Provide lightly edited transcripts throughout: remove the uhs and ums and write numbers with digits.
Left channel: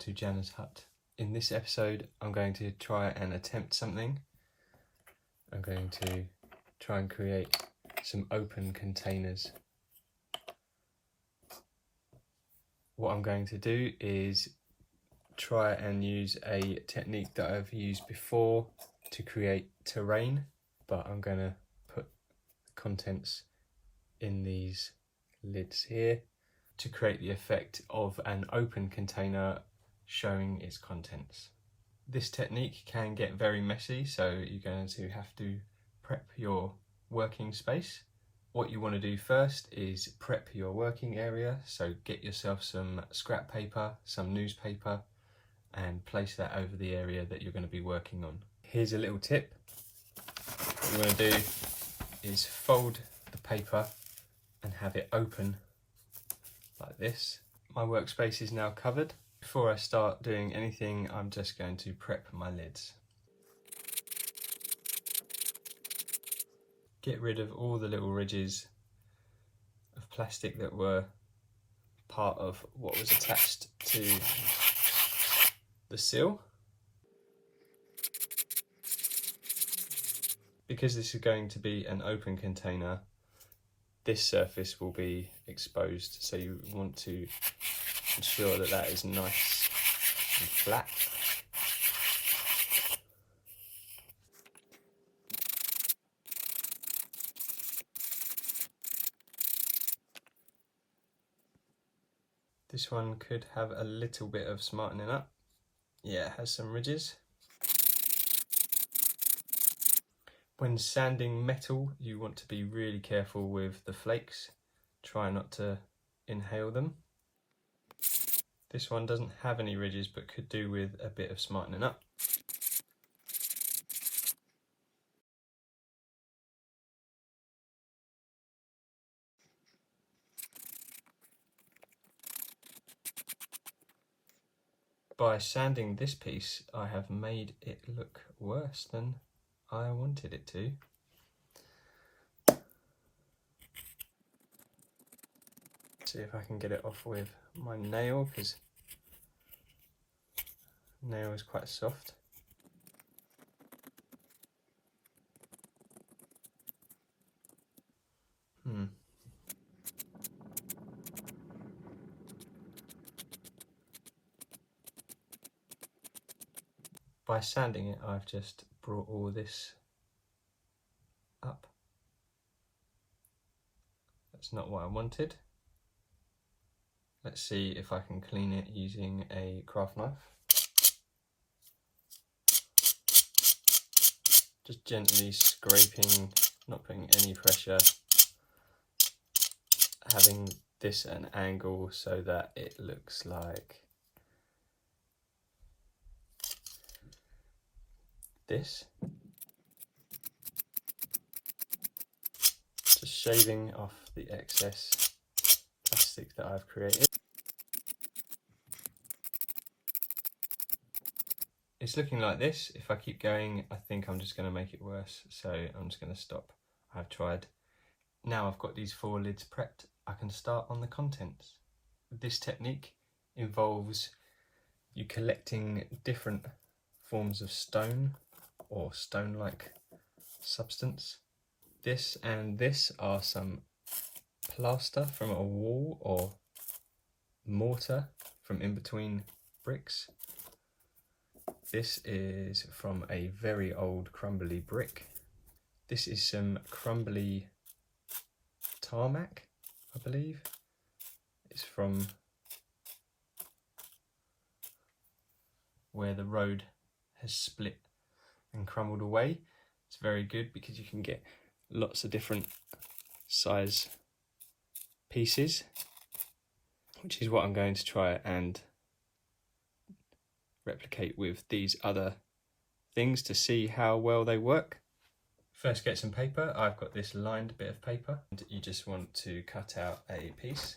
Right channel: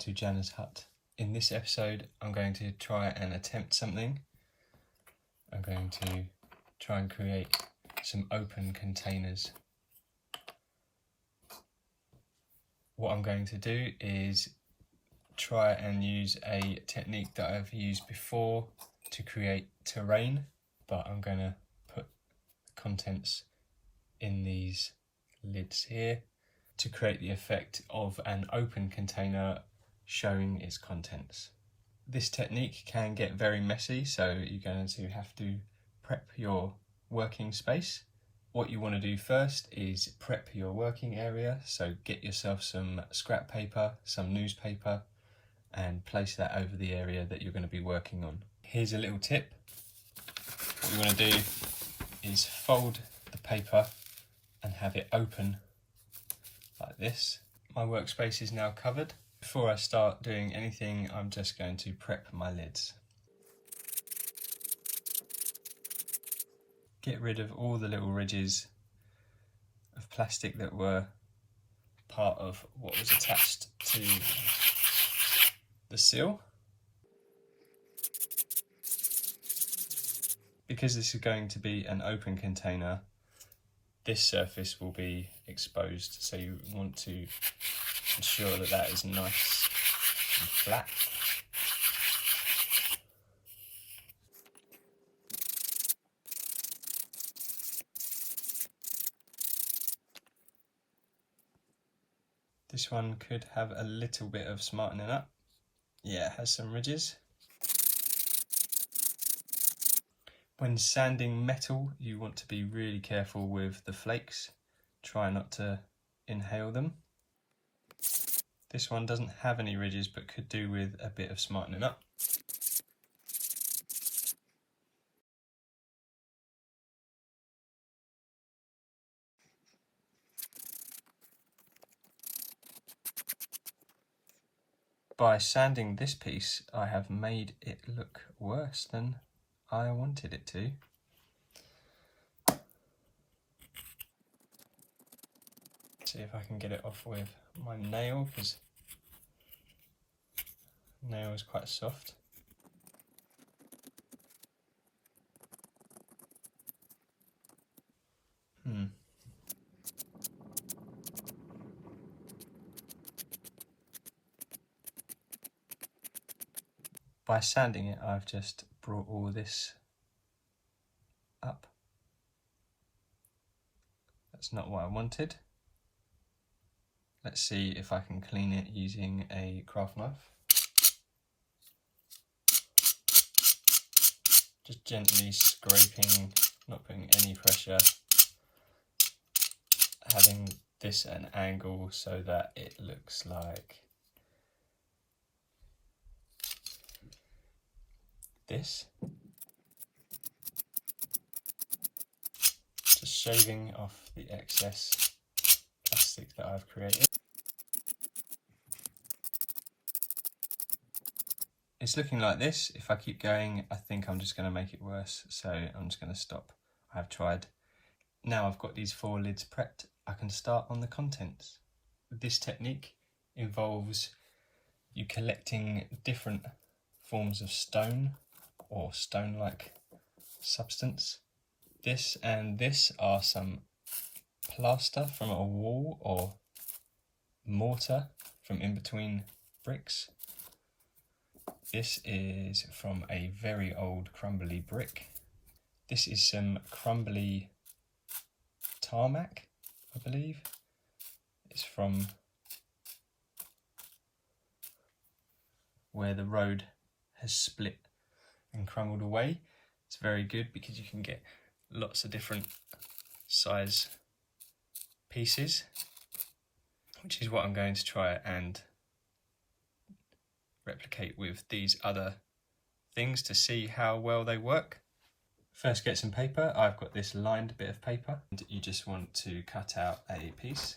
to JANA'S hut. In this episode I'm going to try and attempt something. I'm going to try and create some open containers. What I'm going to do is try and use a technique that I've used before to create terrain, but I'm going to put contents in these lids here to create the effect of an open container showing its contents. This technique can get very messy, so you're going to have to prep your working space. What you want to do first is prep your working area, so get yourself some scrap paper, some newspaper, and place that over the area that you're going to be working on. Here's a little tip. What you want to do is fold the paper and have it open like this. My workspace is now covered. Before I start doing anything, I'm just going to prep my lids. Get rid of all the little ridges of plastic that were part of what was attached to the seal. Because this is going to be an open container, this surface will be exposed, so you want to ensure that that is nice and flat. This one could have a little bit of smartening up. Yeah, it has some ridges. When sanding metal, you want to be really careful with the flakes. Try not to inhale them. This one doesn't have any ridges, but could do with a bit of smartening up. By sanding this piece, I have made it look worse than I wanted it to. See if I can get it off with my nail, because nail is quite soft. By sanding it, I've just brought all this up. That's not what I wanted. Let's see if I can clean it using a craft knife. Just gently scraping, not putting any pressure. Having this at an angle so that it looks like this. Just shaving off the excess plastic that I've created. It's looking like this. If I keep going, I think I'm just going to make it worse, so I'm just going to stop. I've tried. Now I've got these 4 lids prepped, I can start on the contents. This technique involves you collecting different forms of stone or stone-like substance. This and this are some plaster from a wall or mortar from in between bricks. This is from a very old crumbly brick. This is some crumbly tarmac, I believe. It's from where the road has split and crumbled away. It's very good because you can get lots of different size pieces, which is what I'm going to try and replicate with these other things to see how well they work. First, get some paper. I've got this lined bit of paper, and you just want to cut out a piece.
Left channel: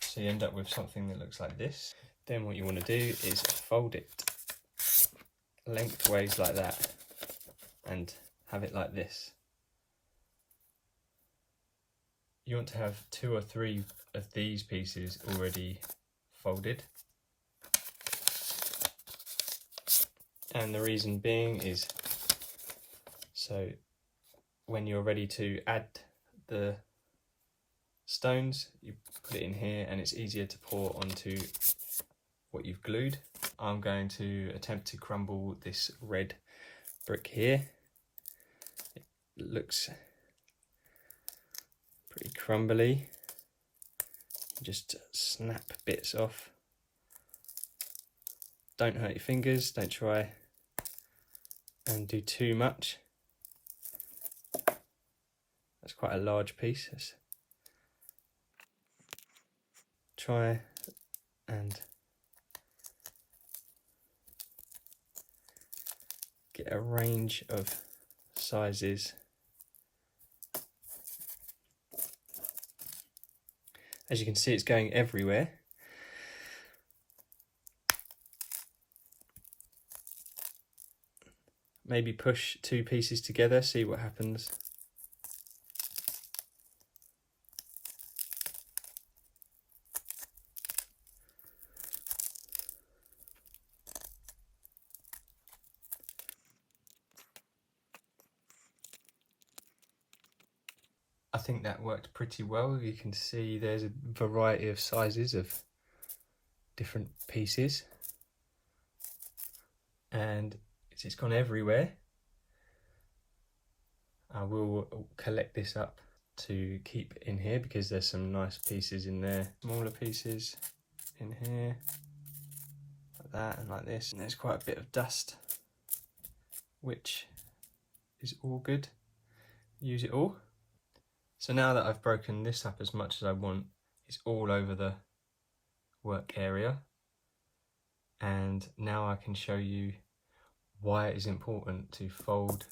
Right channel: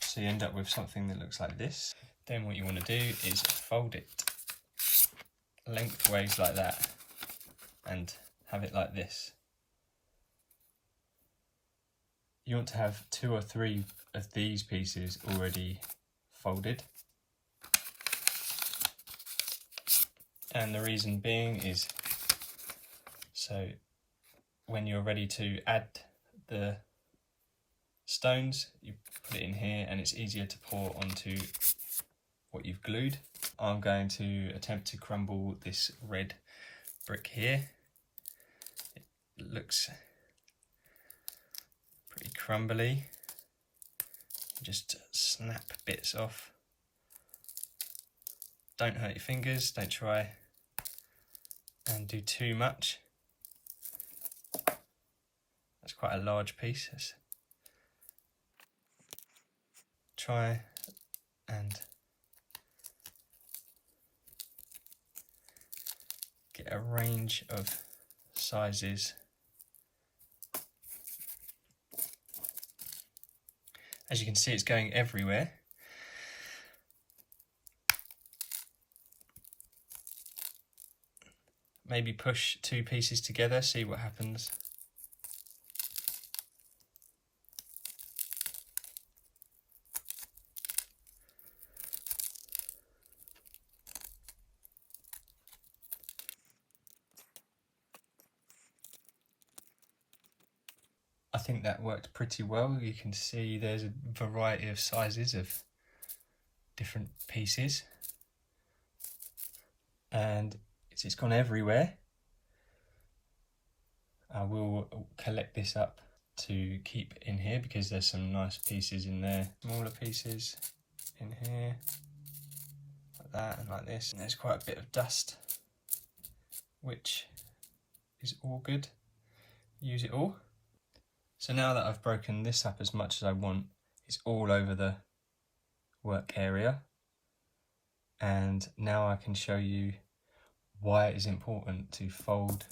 So you end up with something that looks like this. Then what you want to do is fold it lengthways like that and have it like this. You want to have 2 or 3 of these pieces already folded. And the reason being is so when you're ready to add the stones, you put it in here and it's easier to pour onto what you've glued. I'm going to attempt to crumble this red brick here. It looks pretty crumbly. Just snap bits off. Don't hurt your fingers, don't try and do too much. That's quite a large piece. Let's try and get a range of sizes. As you can see, it's going everywhere. Maybe push 2 pieces together, see what happens. I think that worked pretty well. You can see there's a variety of sizes of different pieces. And it's gone everywhere. I will collect this up to keep in here because there's some nice pieces in there. Smaller pieces in here, like that and like this. And there's quite a bit of dust, which is all good. Use it all. So now that I've broken this up as much as I want, it's all over the work area. And now I can show you why it is important to fold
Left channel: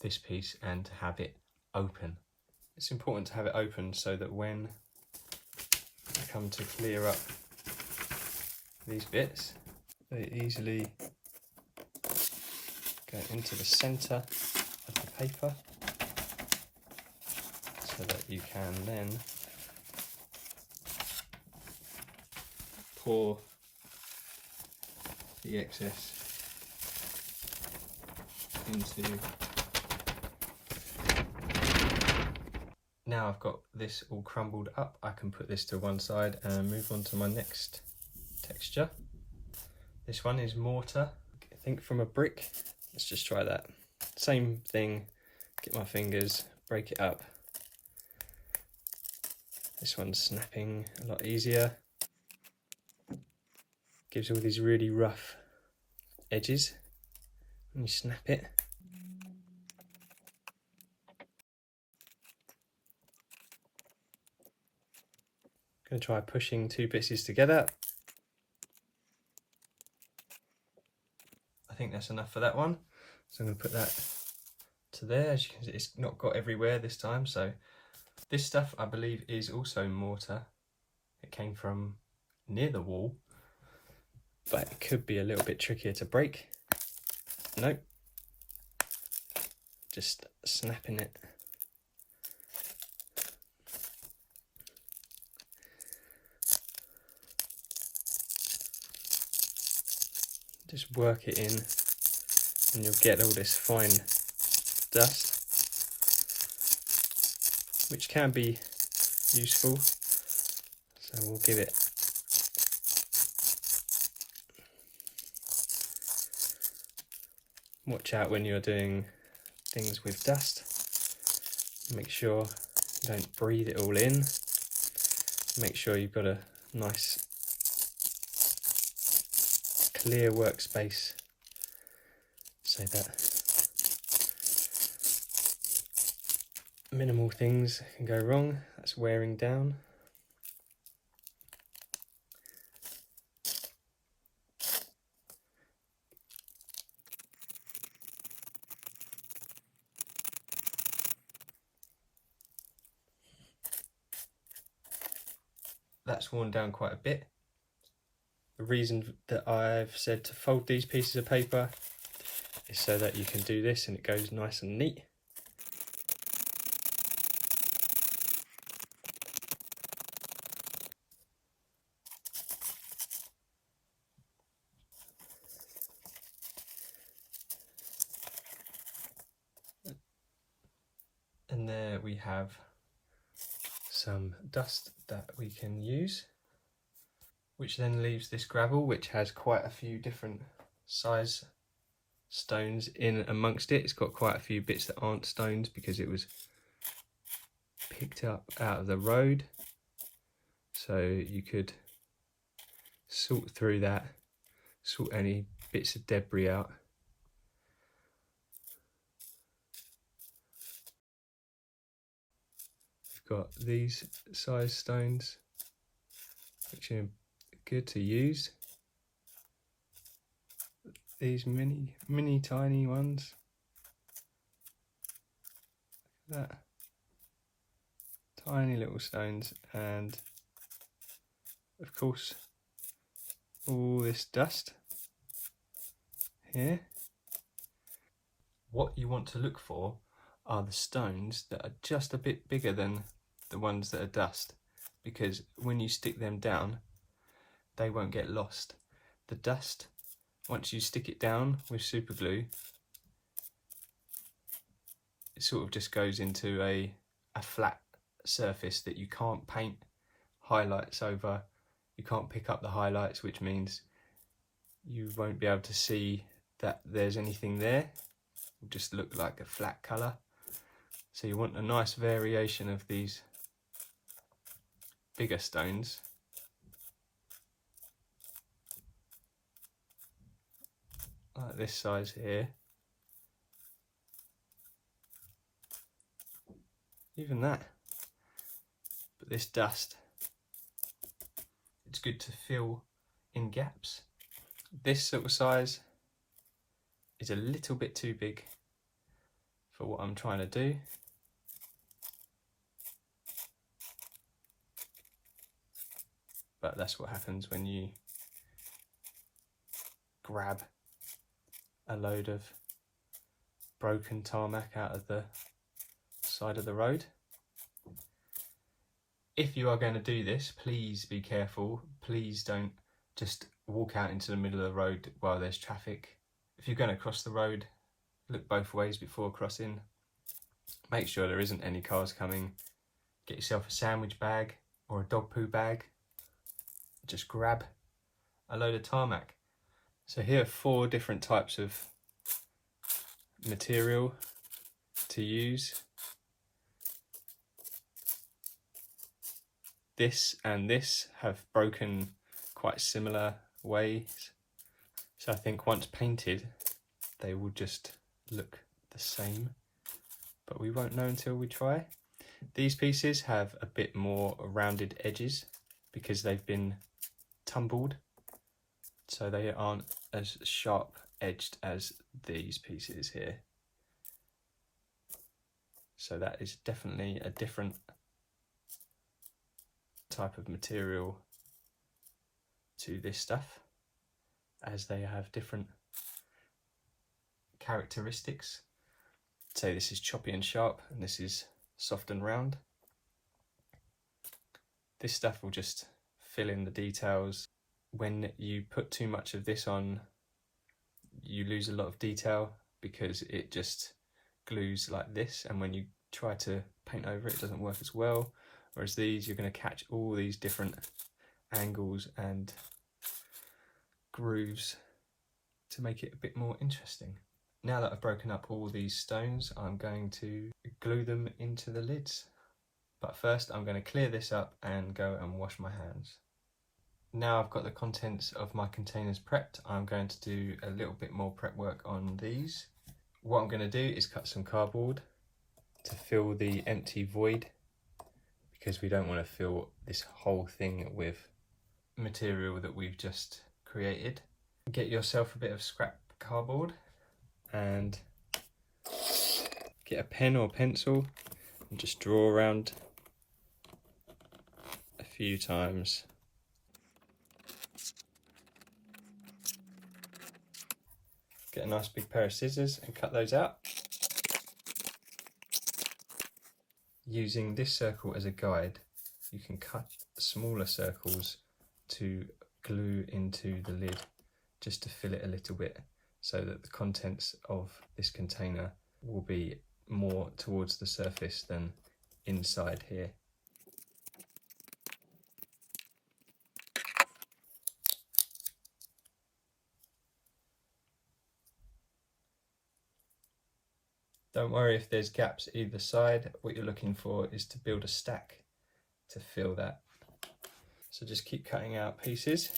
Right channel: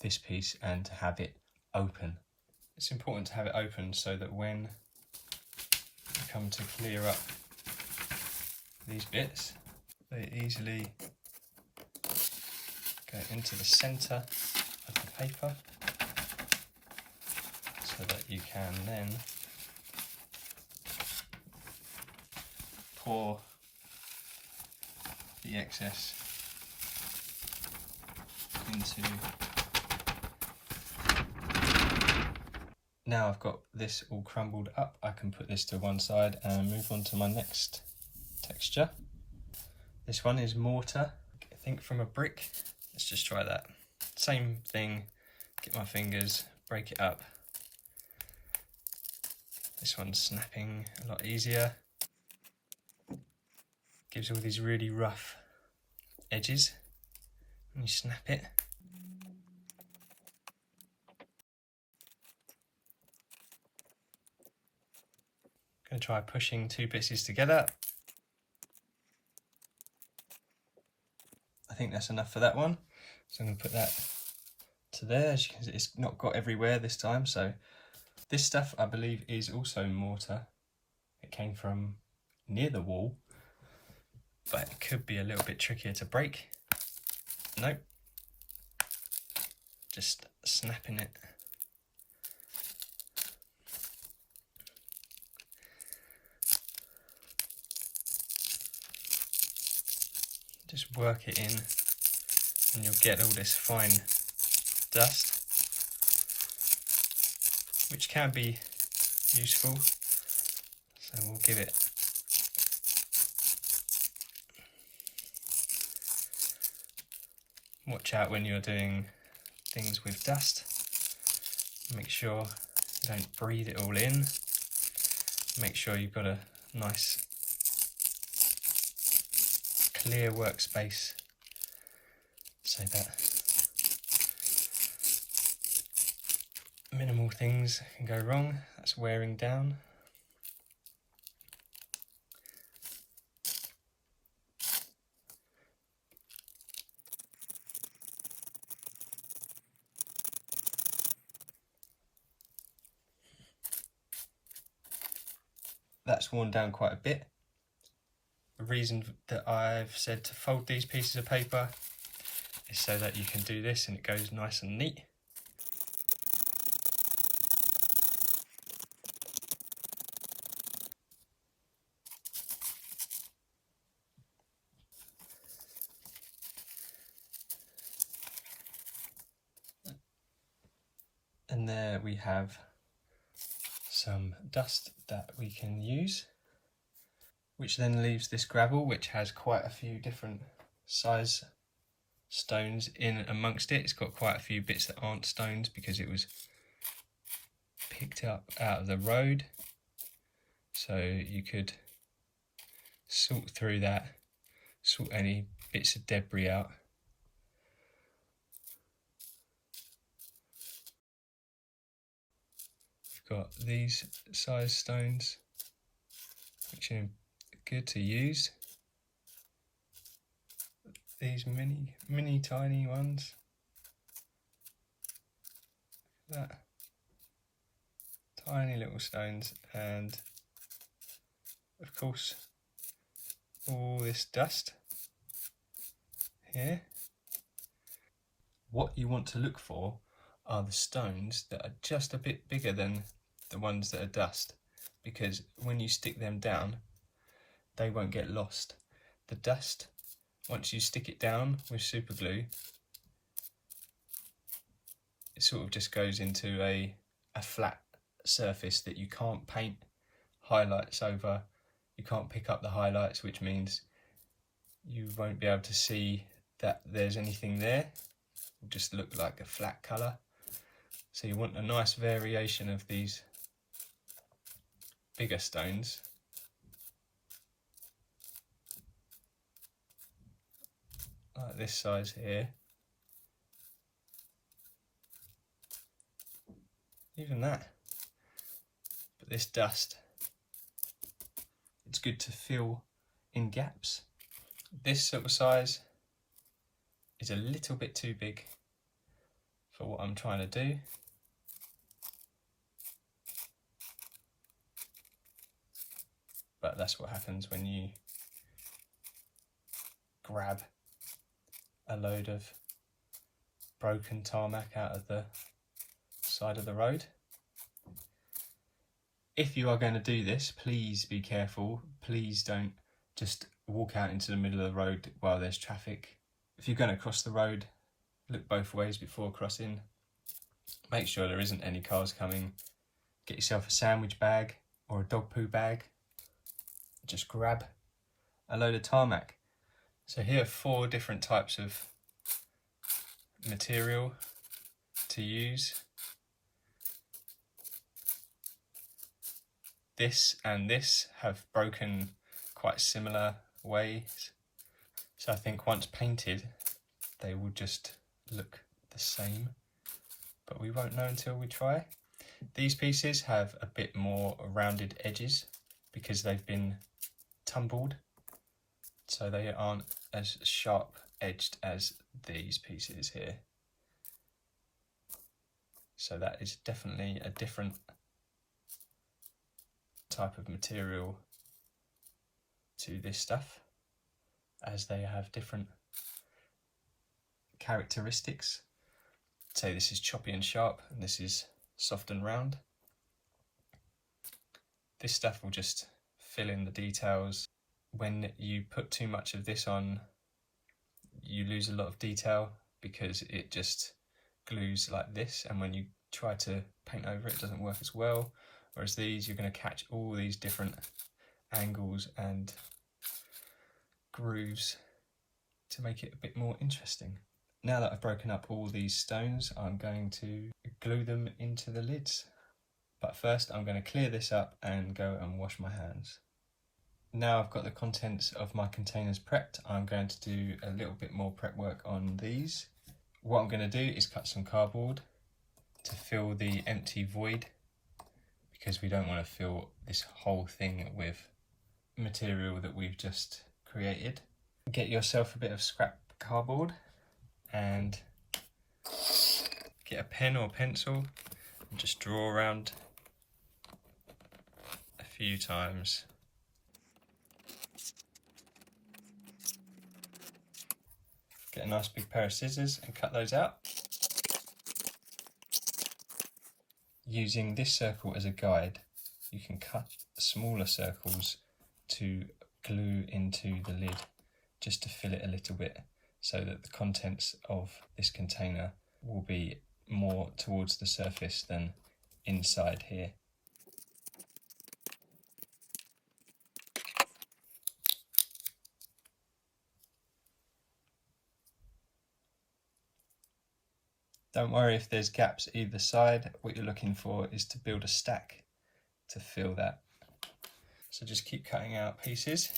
this piece and to have it open. It's important to have it open so that when you come to clear up these bits, they easily go into the centre of the paper so that you can then pour the excess into. Now I've got this all crumbled up, I can put this to one side and move on to my next texture. This one is mortar, I think from a brick. Let's just try that. Same thing, get my fingers, break it up. This one's snapping a lot easier. Gives all these really rough edges when you snap it. Going to try pushing 2 pieces together. I think that's enough for that one. So I'm going to put that to there. As you can see, it's not got everywhere this time. So this stuff, I believe, is also mortar. It came from near the wall, but it could be a little bit trickier to break. Nope. Just snapping it. Just work it in and you'll get all this fine dust, which can be useful. So we'll give it watch out when you're doing things with dust. Make sure you don't breathe it all in. Make sure you've got a nice clear workspace so that minimal things can go wrong. That's wearing down. That's worn down quite a bit. The reason that I've said to fold these pieces of paper is so that you can do this and it goes nice and neat. we have some dust that we can use, which then leaves this gravel, which has quite a few different size stones in amongst it. It's got quite a few bits that aren't stones because it was picked up out of the road. So you could sort through that, sort any bits of debris out. We've got these size stones, which are good to use. These mini tiny ones. Look at that. Tiny little stones, and of course all this dust here. What you want to look for are the stones that are just a bit bigger than the ones that are dust, because when you stick them down they won't get lost. The dust, once you stick it down with super glue, it sort of just goes into a flat surface that you can't paint highlights over. You can't pick up the highlights, which means you won't be able to see that there's anything there. It'll just look like a flat colour. So you want a nice variation of these bigger stones. Like this size here. Even that. But this dust, it's good to fill in gaps. This sort of size is a little bit too big for what I'm trying to do. But that's what happens when you grab a load of broken tarmac out of the side of the road. If you are going to do this, please be careful. Please don't just walk out into the middle of the road while there's traffic. If you're going to cross the road, look both ways before crossing. Make sure there isn't any cars coming. Get yourself a sandwich bag or a dog poo bag. Just grab a load of tarmac. So here are 4 different types of material to use. This and this have broken quite similar ways. So I think once painted, they will just look the same, but we won't know until we try. These pieces have a bit more rounded edges because they've been tumbled, so they aren't as sharp edged as these pieces here. So that is definitely a different type of material to this stuff, as they have different characteristics. Say this is choppy and sharp and this is soft and round. This stuff will just fill in the details. When you put too much of this on, you lose a lot of detail because it just glues like this, and when you try to paint over it, it doesn't work as well. Whereas these, you're going to catch all these different angles and grooves to make it a bit more interesting. Now that I've broken up all these stones, I'm going to glue them into the lids. But first I'm going to clear this up and go and wash my hands. Now I've got the contents of my containers prepped, I'm going to do a little bit more prep work on these. What I'm going to do is cut some cardboard to fill the empty void, because we don't want to fill this whole thing with material that we've just created. Get yourself a bit of scrap cardboard and get a pen or pencil and just draw around a few times. Get a nice big pair of scissors and cut those out. Using this circle as a guide, you can cut smaller circles to glue into the lid, just to fill it a little bit, so that the contents of this container will be more towards the surface than inside here. Don't worry if there's gaps either side. What you're looking for is to build a stack to fill that. So just keep cutting out pieces.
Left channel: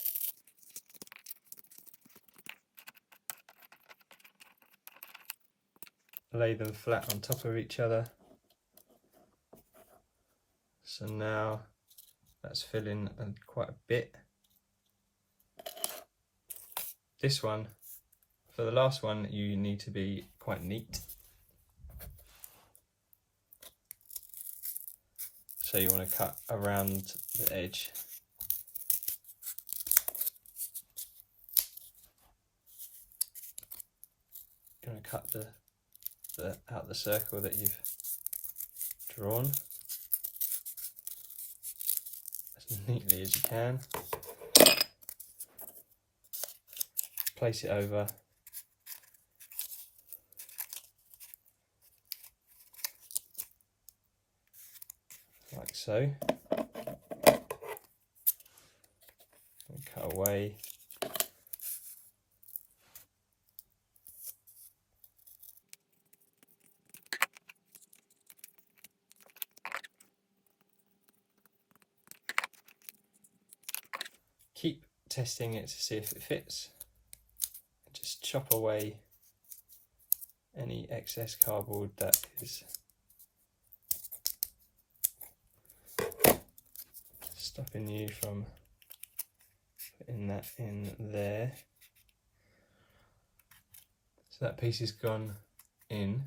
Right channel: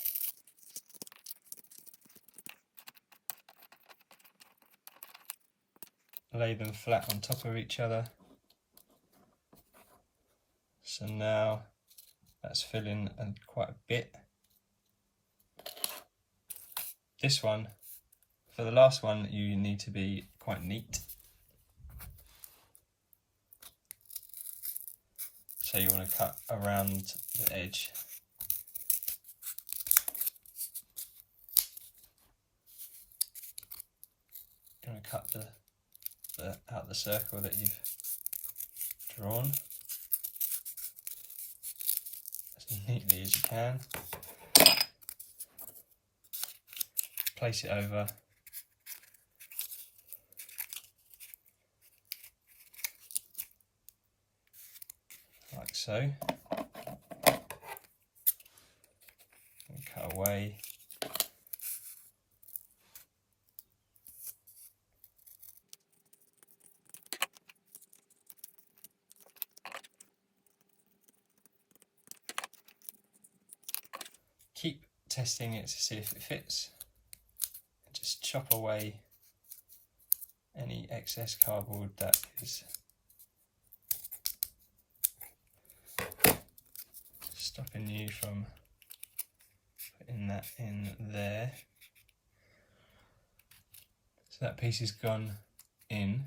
Lay them flat on top of each other. So now that's filling quite a bit. This one, for the last one, you need to be quite neat. So you want to cut around the edge. You want to cut out the circle that you've drawn as neatly as you can. Place it over. Like so. And cut away. Keep testing it to see if it fits. And just chop away any excess cardboard that is stopping you from putting that in there. So that piece has gone in,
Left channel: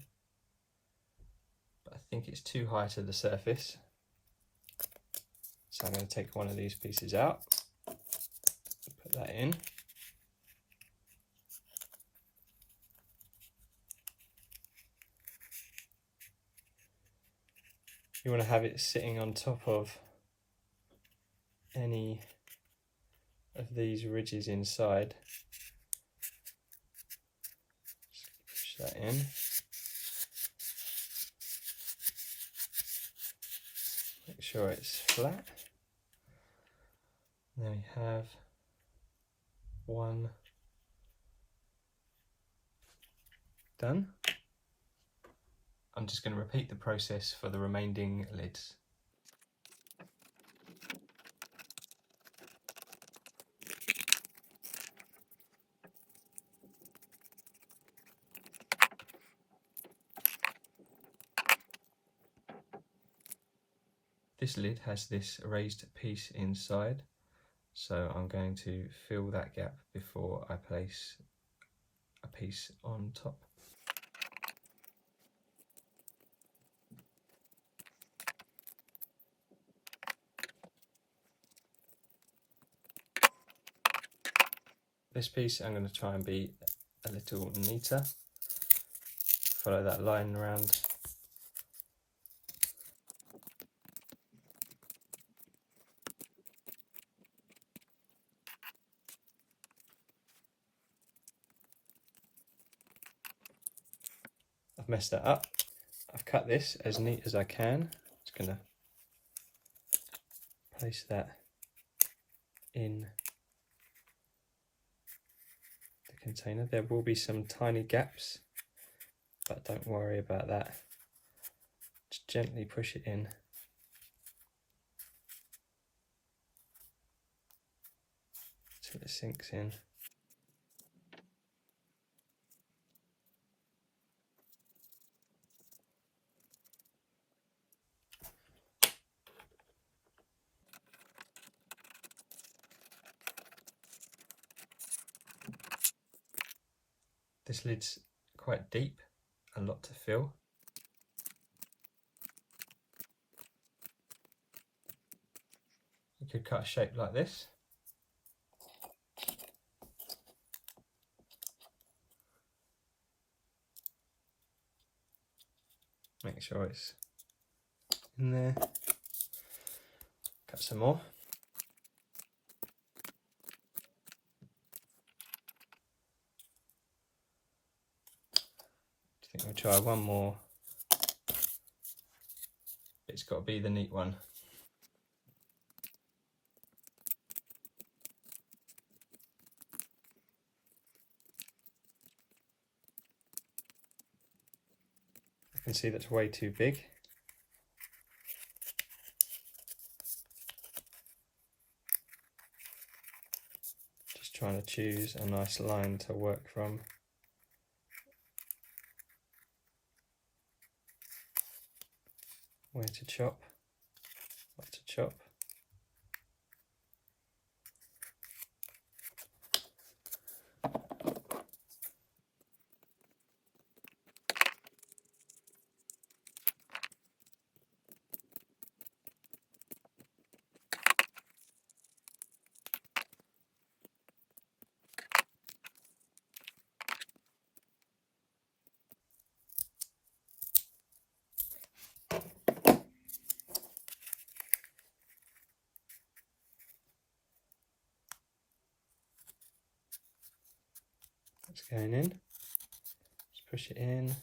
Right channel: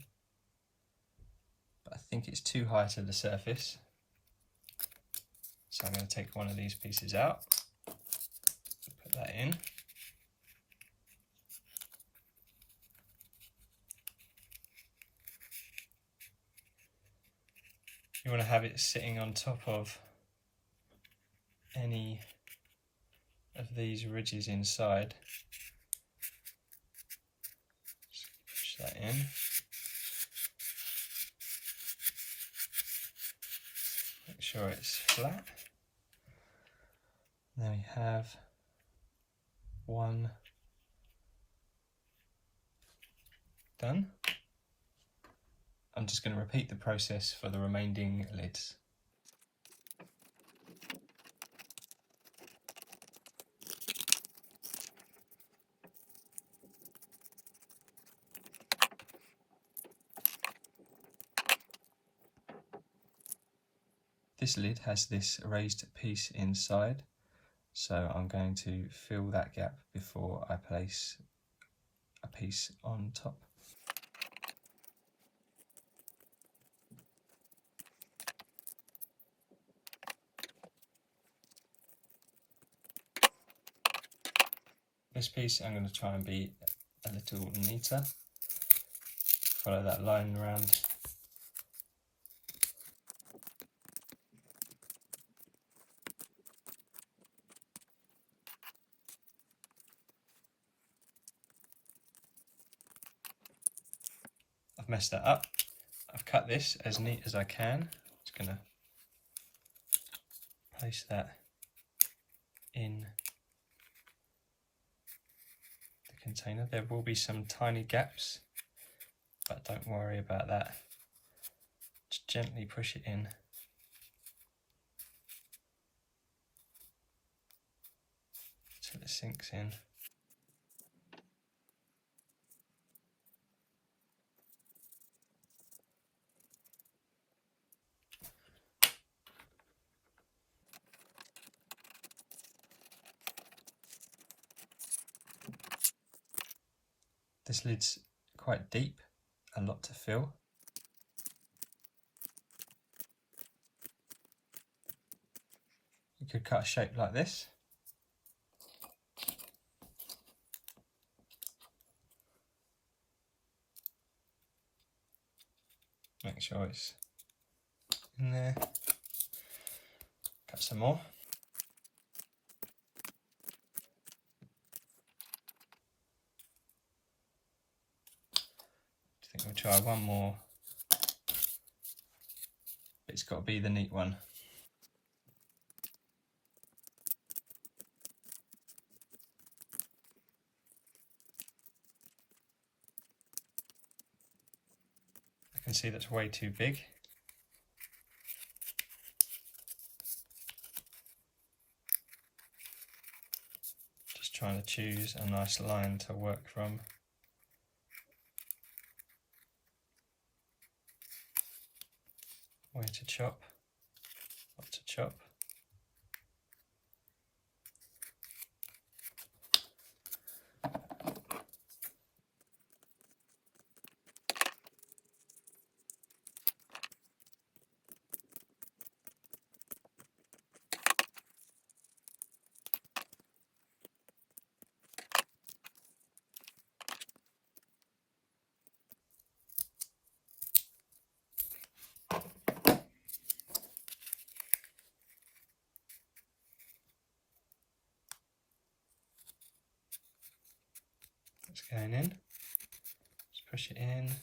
but I think it's too high to the surface. So I'm going to take one of these pieces out, put that in. You want to have it sitting on top of any of these ridges inside. Just push that in. Make sure it's flat. There we have one done. I'm just going to repeat the process for the remaining lids. This lid has this raised piece inside, so I'm going to fill that gap before I place a piece on top. This piece I'm going to try and be a little neater. Follow that line around. I've messed that up. I've cut this as neat as I can. Just going to place that in the container. There will be some tiny gaps, but don't worry about that. Just gently push it in. Till it sinks in. This lid's quite deep, a lot to fill. You could cut a shape like this. Make sure it's in there. Cut some more. I think we'll try one more but it's got to be the neat one. I can see that's way too big. Just trying to choose a nice line to work from. Where to chop, what to chop. It's going in. Just push it in.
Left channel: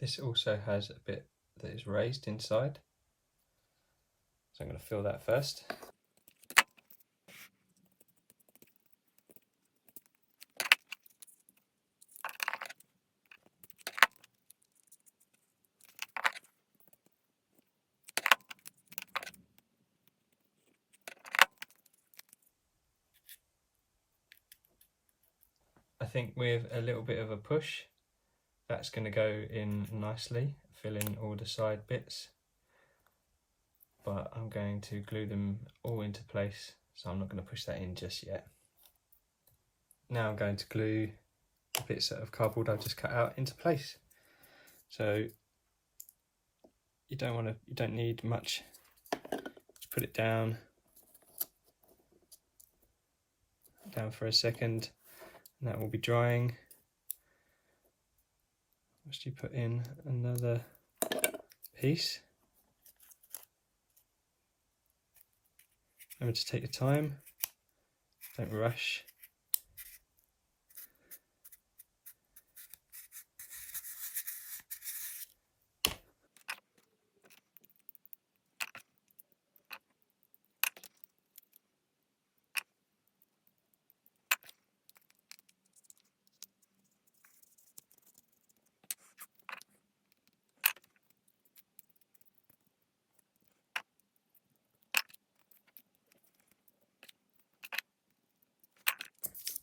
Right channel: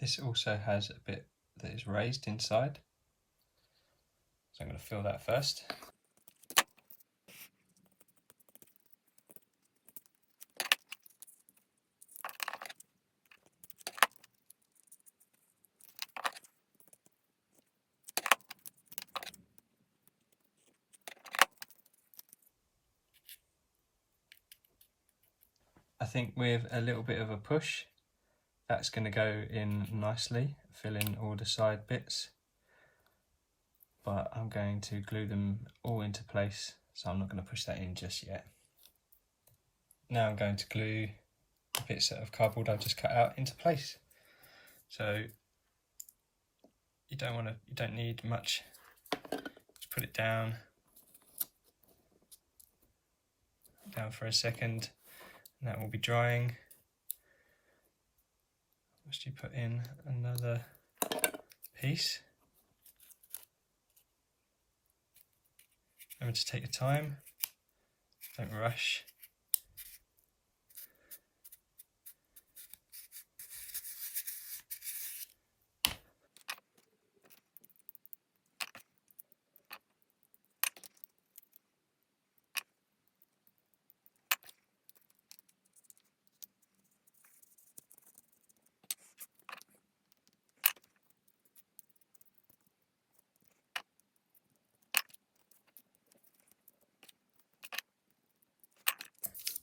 This also has a bit that is raised inside, so I'm going to fill that first. I think with a little bit of a push, that's going to go in nicely, fill in all the side bits. But I'm going to glue them all into place, so I'm not going to push that in just yet. Now I'm going to glue the bits of cardboard I've just cut out into place. So you don't need much. Just put it down for a second, and that will be drying. Once you put in another piece, remember to take your time, don't rush.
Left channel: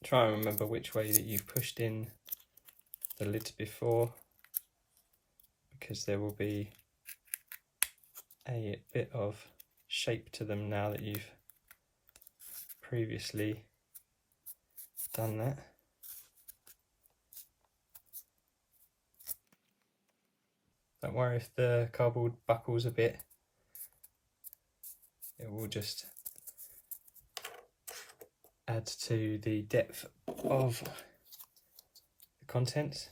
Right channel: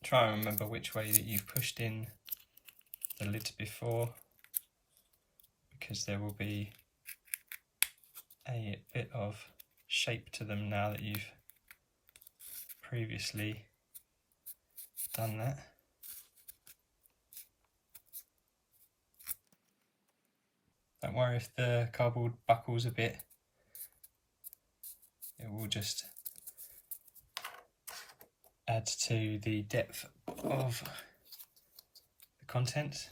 Try and remember which way that you've pushed in the lid before, because there will be a bit of shape to them now that you've previously done that. Don't worry if the cardboard buckles a bit, it will just add to the depth of the contents.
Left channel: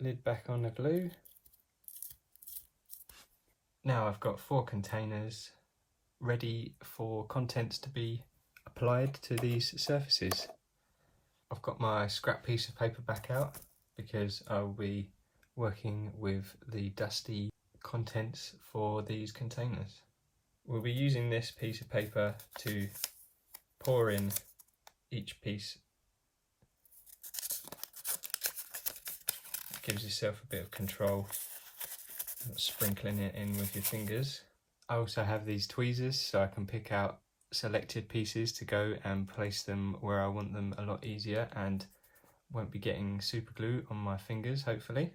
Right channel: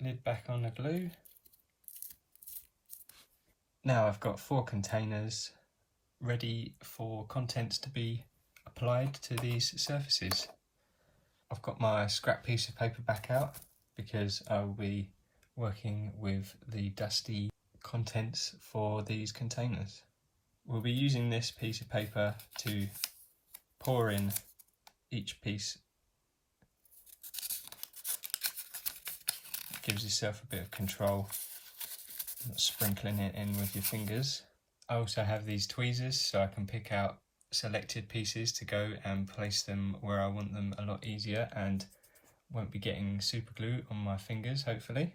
Lid back on the glue. Now I've got 4 containers ready for contents to be applied to these surfaces. I've got my scrap piece of paper back out because I will be working with the dusty contents for these containers. We'll be using this piece of paper to pour in each piece. It gives yourself a bit of control, not sprinkling it in with your fingers. I also have these tweezers so I can pick out selected pieces to go and place them where I want them a lot easier and won't be getting super glue on my fingers, hopefully.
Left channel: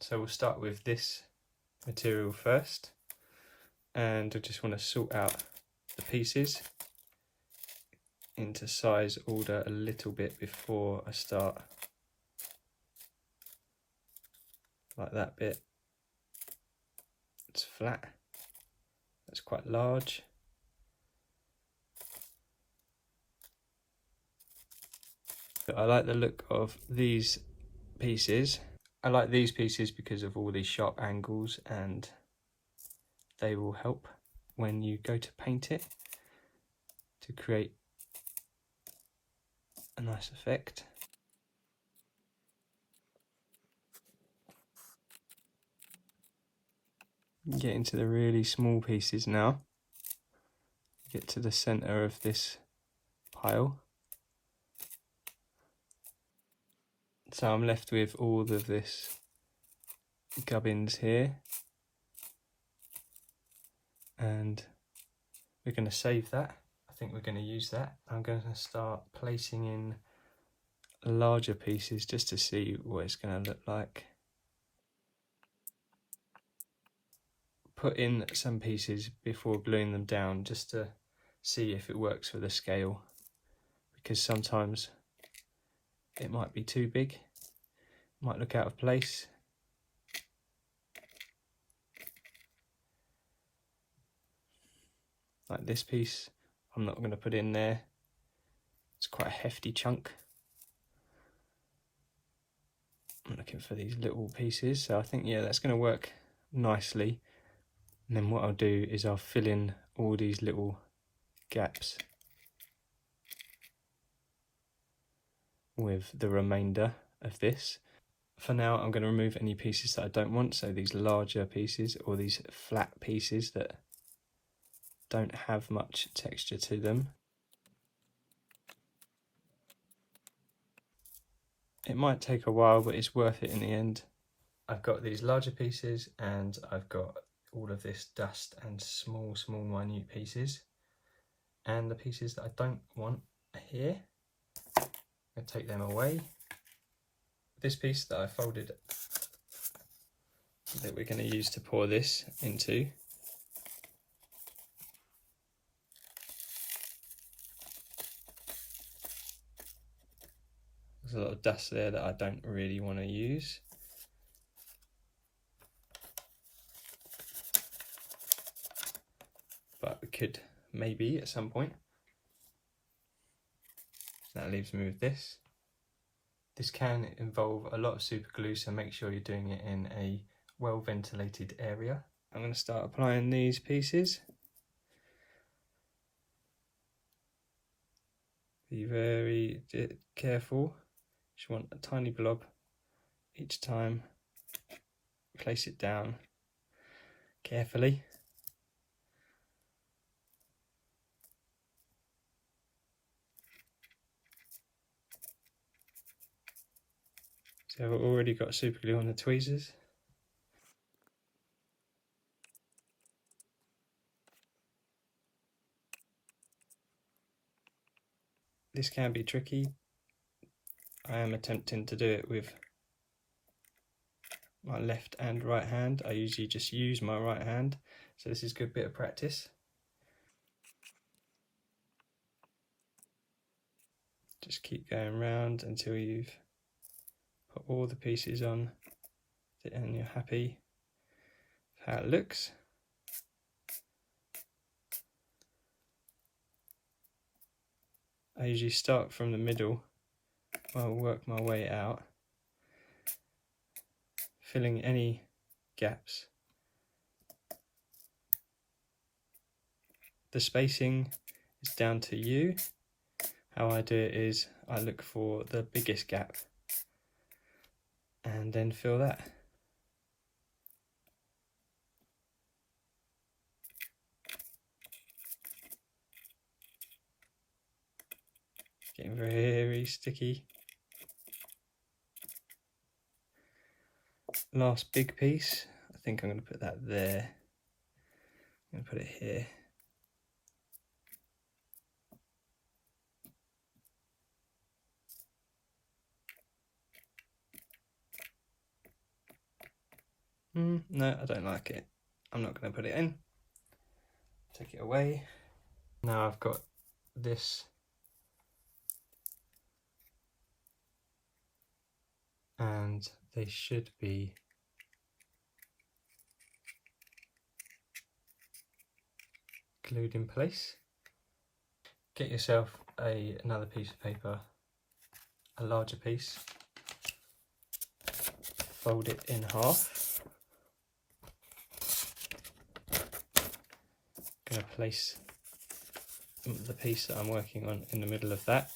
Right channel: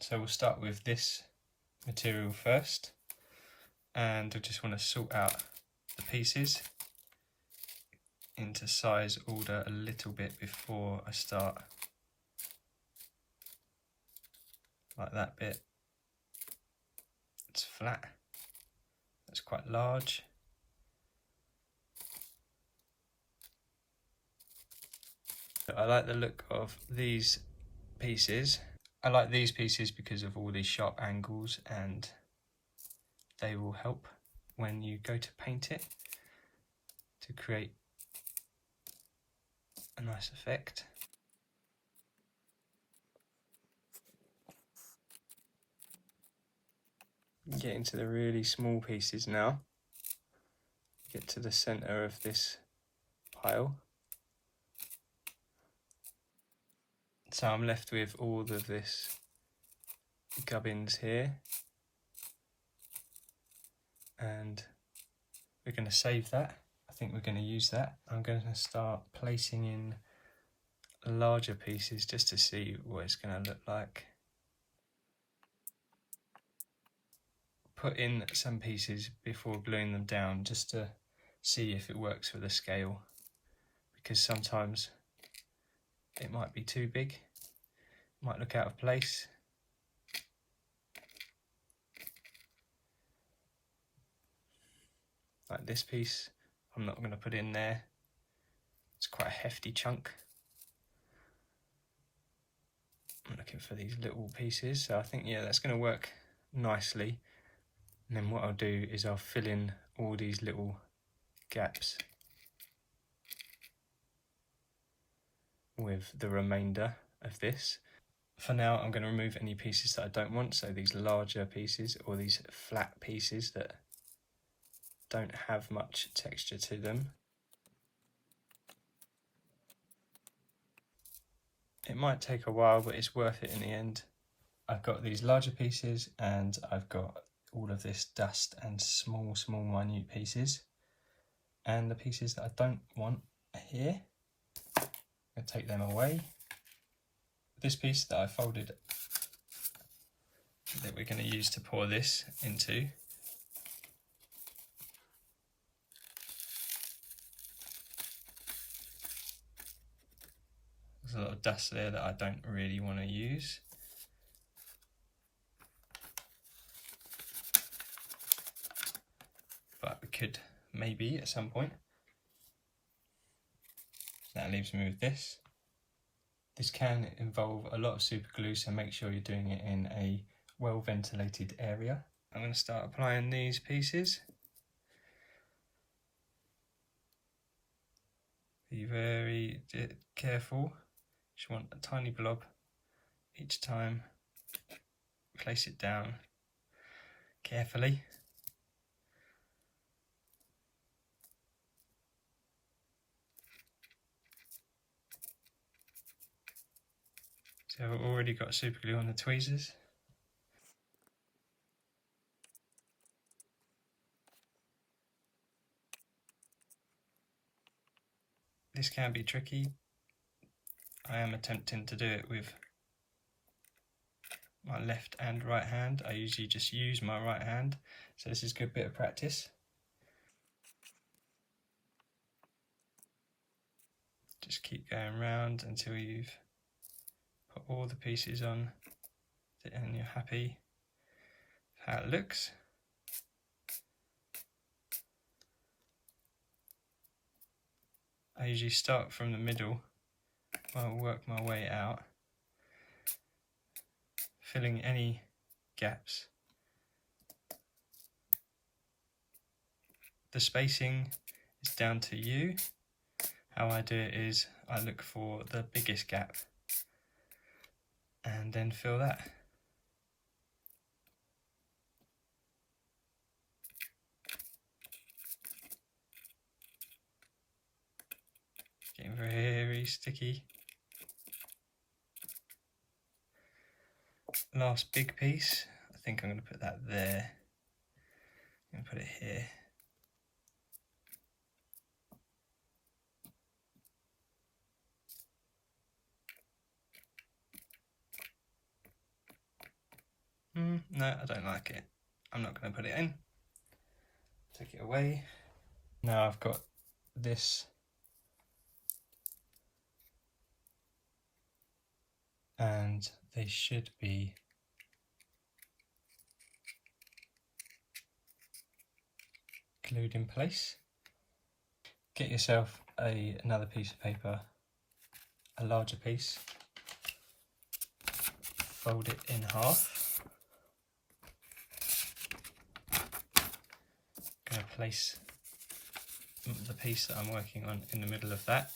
So we'll start with this material first, and I just want to sort out the pieces into size order a little bit before I start like that bit. It's flat. That's quite large. I like the look of these pieces. I like these pieces because of all these sharp angles, and they will help when you go to paint it to create a nice effect. Get into the really small pieces now. Get to the center of this pile. So I'm left with all of this gubbins here, and we're going to save that. I think we're going to use that. I'm going to start placing in larger pieces just to see what it's going to look like. Put in some pieces before gluing them down just to see if it works for the scale, because sometimes it might be too big, it might look out of place. Like this piece, I'm not going to put in there. It's quite a hefty chunk. I'm looking for these little pieces, so I think, yeah, that's going to work nicely. And then what I'll do is I'll fill in all these little gaps with the remainder of this. For now, I'm going to remove any pieces that I don't want, so these larger pieces or these flat pieces that don't have much texture to them. It might take a while, but it's worth it in the end. I've got these larger pieces and I've got all of this dust and small minute pieces, and the pieces that I don't want are here. I'm going to take them away. This piece that I folded that we're going to use to pour this into, there's a lot of dust there that I don't really want to use. But we could maybe at some point. That leaves me with this. This can involve a lot of super glue, so make sure you're doing it in a well ventilated area. I'm going to start applying these pieces. Be very careful. Just want a tiny blob each time. Place it down carefully. So I've already got super glue on the tweezers. This can be tricky. I am attempting to do it with my left and right hand. I usually just use my right hand, so this is a good bit of practice. Just keep going round until you've put all the pieces on and you're happy with how it looks. I usually start from the middle, I'll work my way out, filling any gaps. The spacing is down to you. How I do it is I look for the biggest gap and then fill that. Getting very sticky. Last big piece, I think I'm going to put that there. I'm going to put it here. No, I don't like it. I'm not going to put it in. Take it away. Now I've got this and they should be glued in place. Get yourself another piece of paper, a larger piece, fold it in half. I'm going to place the piece that I'm working on in the middle of that.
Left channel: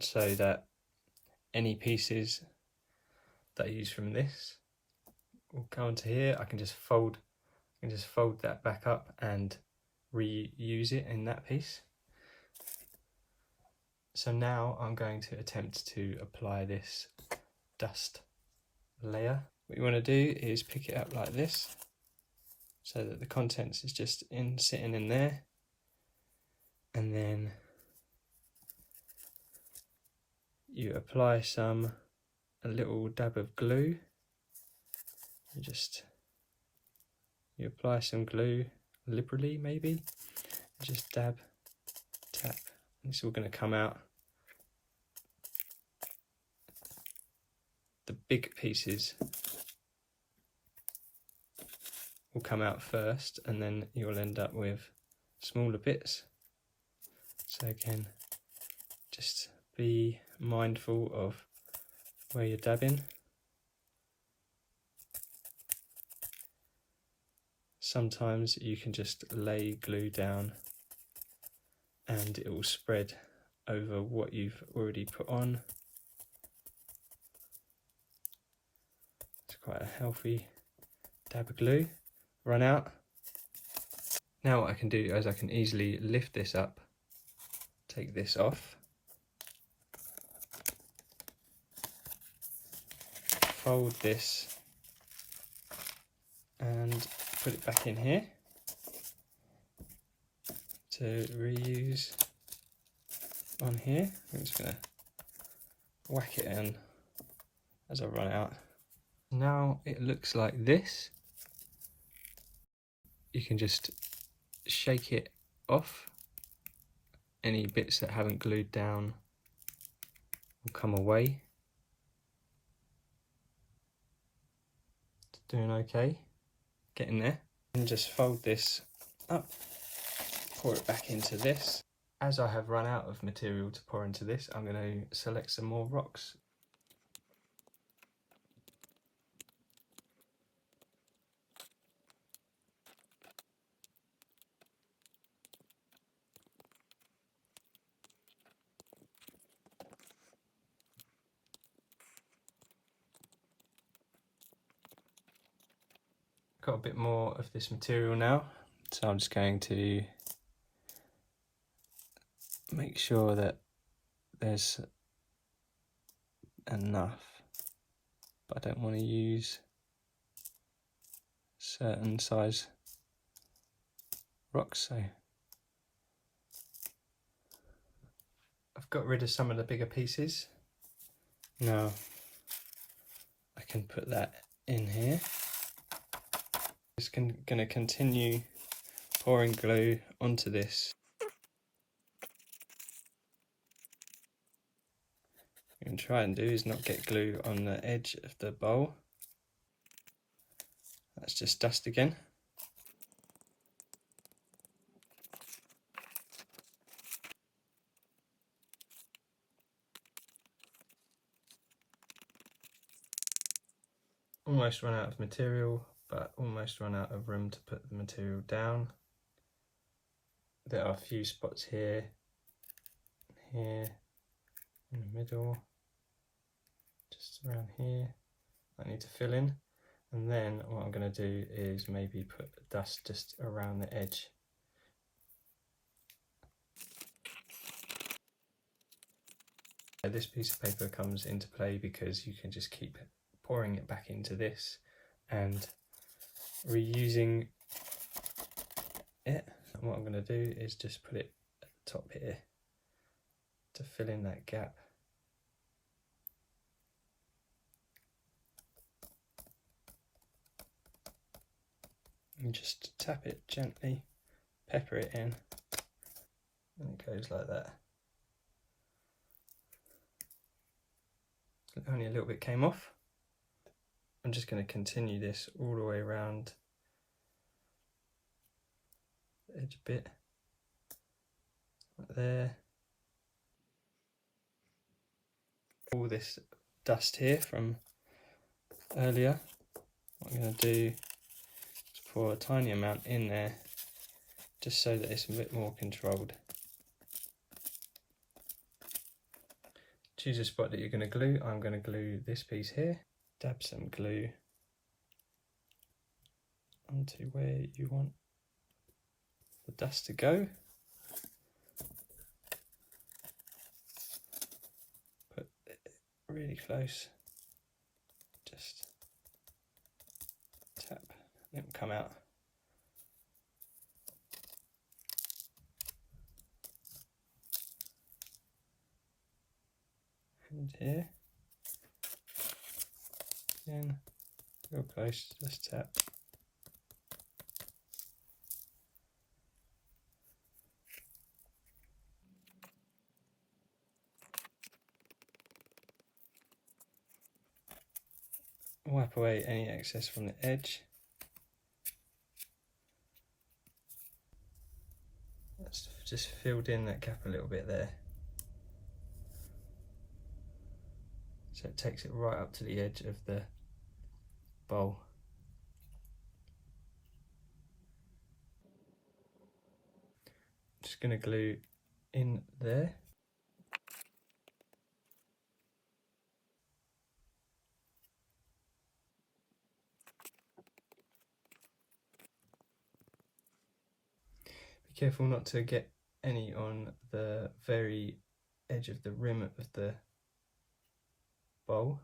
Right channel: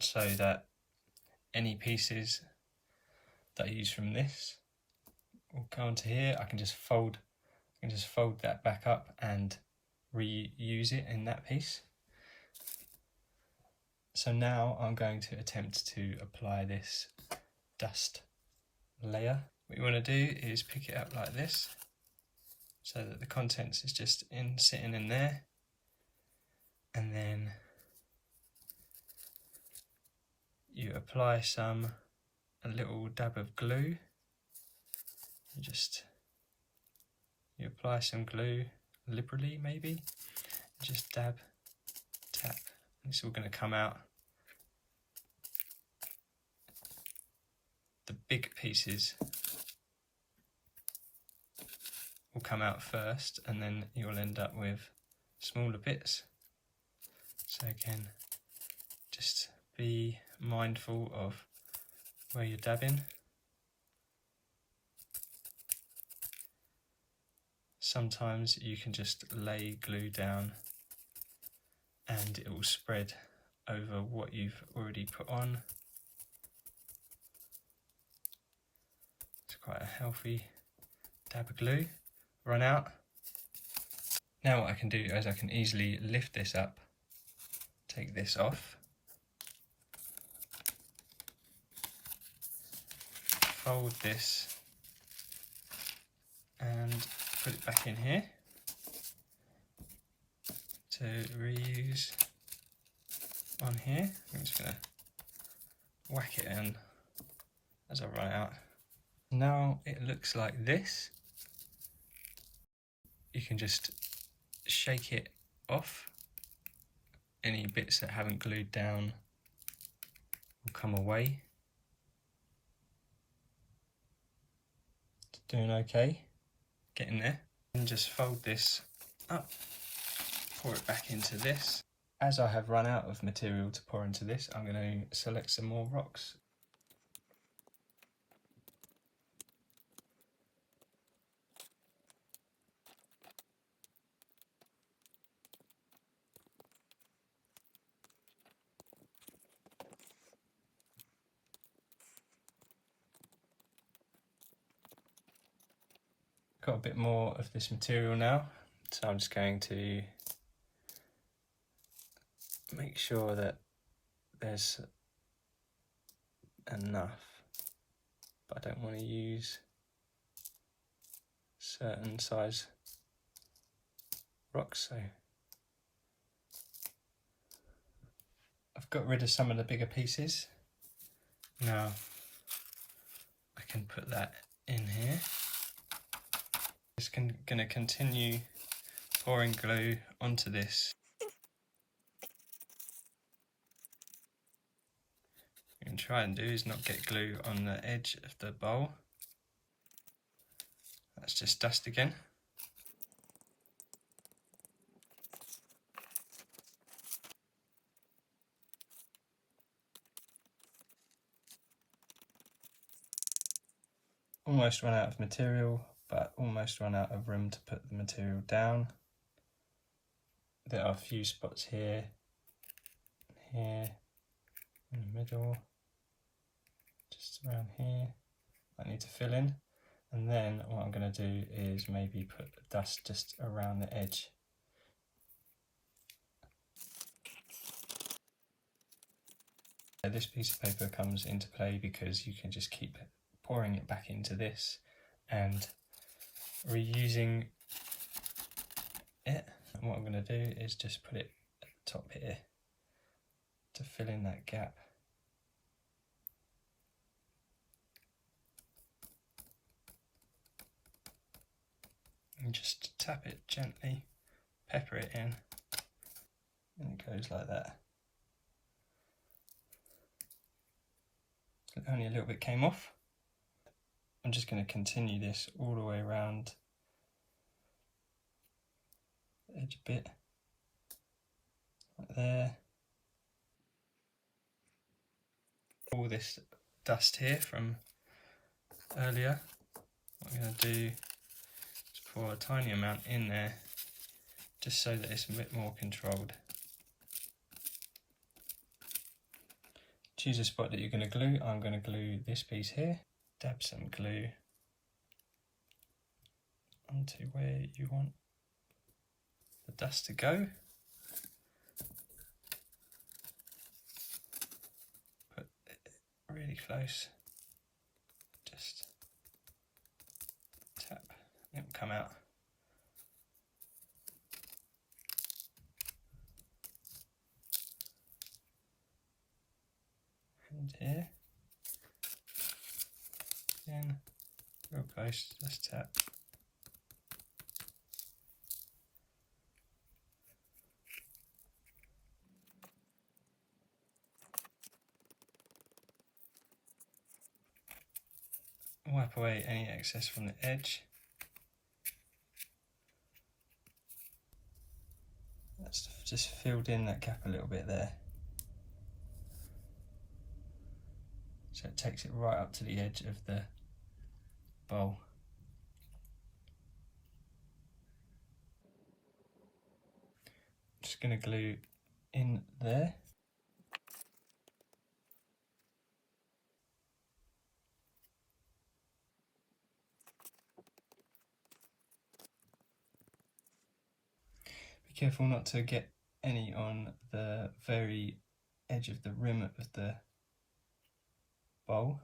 So that any pieces that I use from this will go onto here. I can just fold that back up and reuse it in that piece. So now I'm going to attempt to apply this dust layer. What you want to do is pick it up like this, so that the contents is just sitting in there, and then you apply a little dab of glue. You apply some glue liberally, maybe, just dab, tap, and it's all going to come out. The big pieces will come out first, and then you'll end up with smaller bits. So again, just be mindful of where you're dabbing. Sometimes you can just lay glue down and it will spread over what you've already put on. It's quite a healthy dab of glue. Run out. Now what I can do is I can easily lift this up, take this off, fold this and put it back in here to reuse on here. I'm just going to whack it in as I run out. Now it looks like this. You can just shake it off. Any bits that haven't glued down will come away. It's doing okay, getting there. And just fold this up, pour it back into this. As I have run out of material to pour into this, I'm going to select some more rocks. Got a bit more of this material now, so I'm just going to make sure that there's enough, but I don't want to use certain size rocks, so I've got rid of some of the bigger pieces. Now I can put that in here. Just going to continue pouring glue onto this. What you can try and do is not get glue on the edge of the bowl. That's just dust again. Almost run out of material, but almost run out of room to put the material down. There are a few spots here, here, in the middle, just around here, I need to fill in. And then what I'm going to do is maybe put dust just around the edge. This piece of paper comes into play because you can just keep pouring it back into this and reusing it. And what I'm going to do is just put it at the top here to fill in that gap. And just tap it gently, pepper it in, and it goes like that. Only a little bit came off. I'm just going to continue this all the way around the edge a bit, like there. All this dust here from earlier, what I'm going to do is pour a tiny amount in there, just so that it's a bit more controlled. Choose a spot that you're going to glue. I'm going to glue this piece here. Dab some glue onto where you want the dust to go. Put it really close. Just tap, and it will come out. And here, again, real close, just tap. Wipe away any excess from the edge. That's just filled in that gap a little bit there. So it takes it right up to the edge of the bowl. Just going to glue in there. Be careful not to get any on the very edge of the rim of the bowl.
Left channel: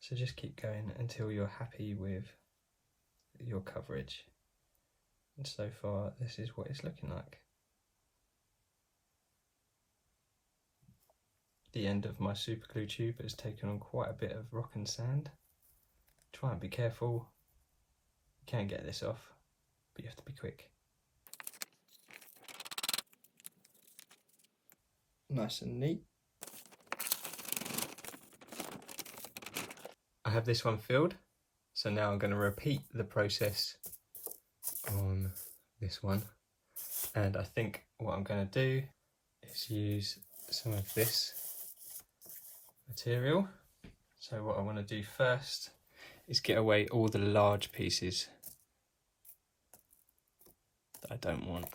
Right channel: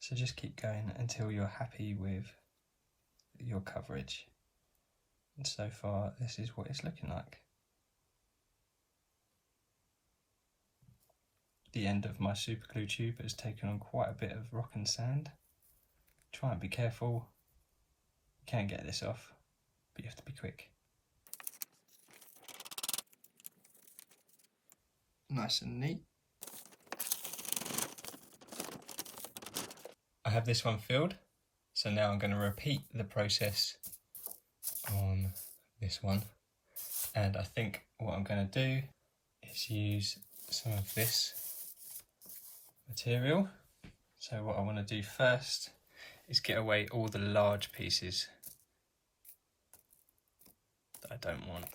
So just keep going until you're happy with your coverage. And so far, this is what it's looking like. The end of my super glue tube has taken on quite a bit of rock and sand. Try and be careful. You can get this off, but you have to be quick. Nice and neat. I have this one filled, so now I'm going to repeat the process on this one. And I think what I'm going to do is use some of this material. So what I want to do first is get away all the large pieces that I don't want.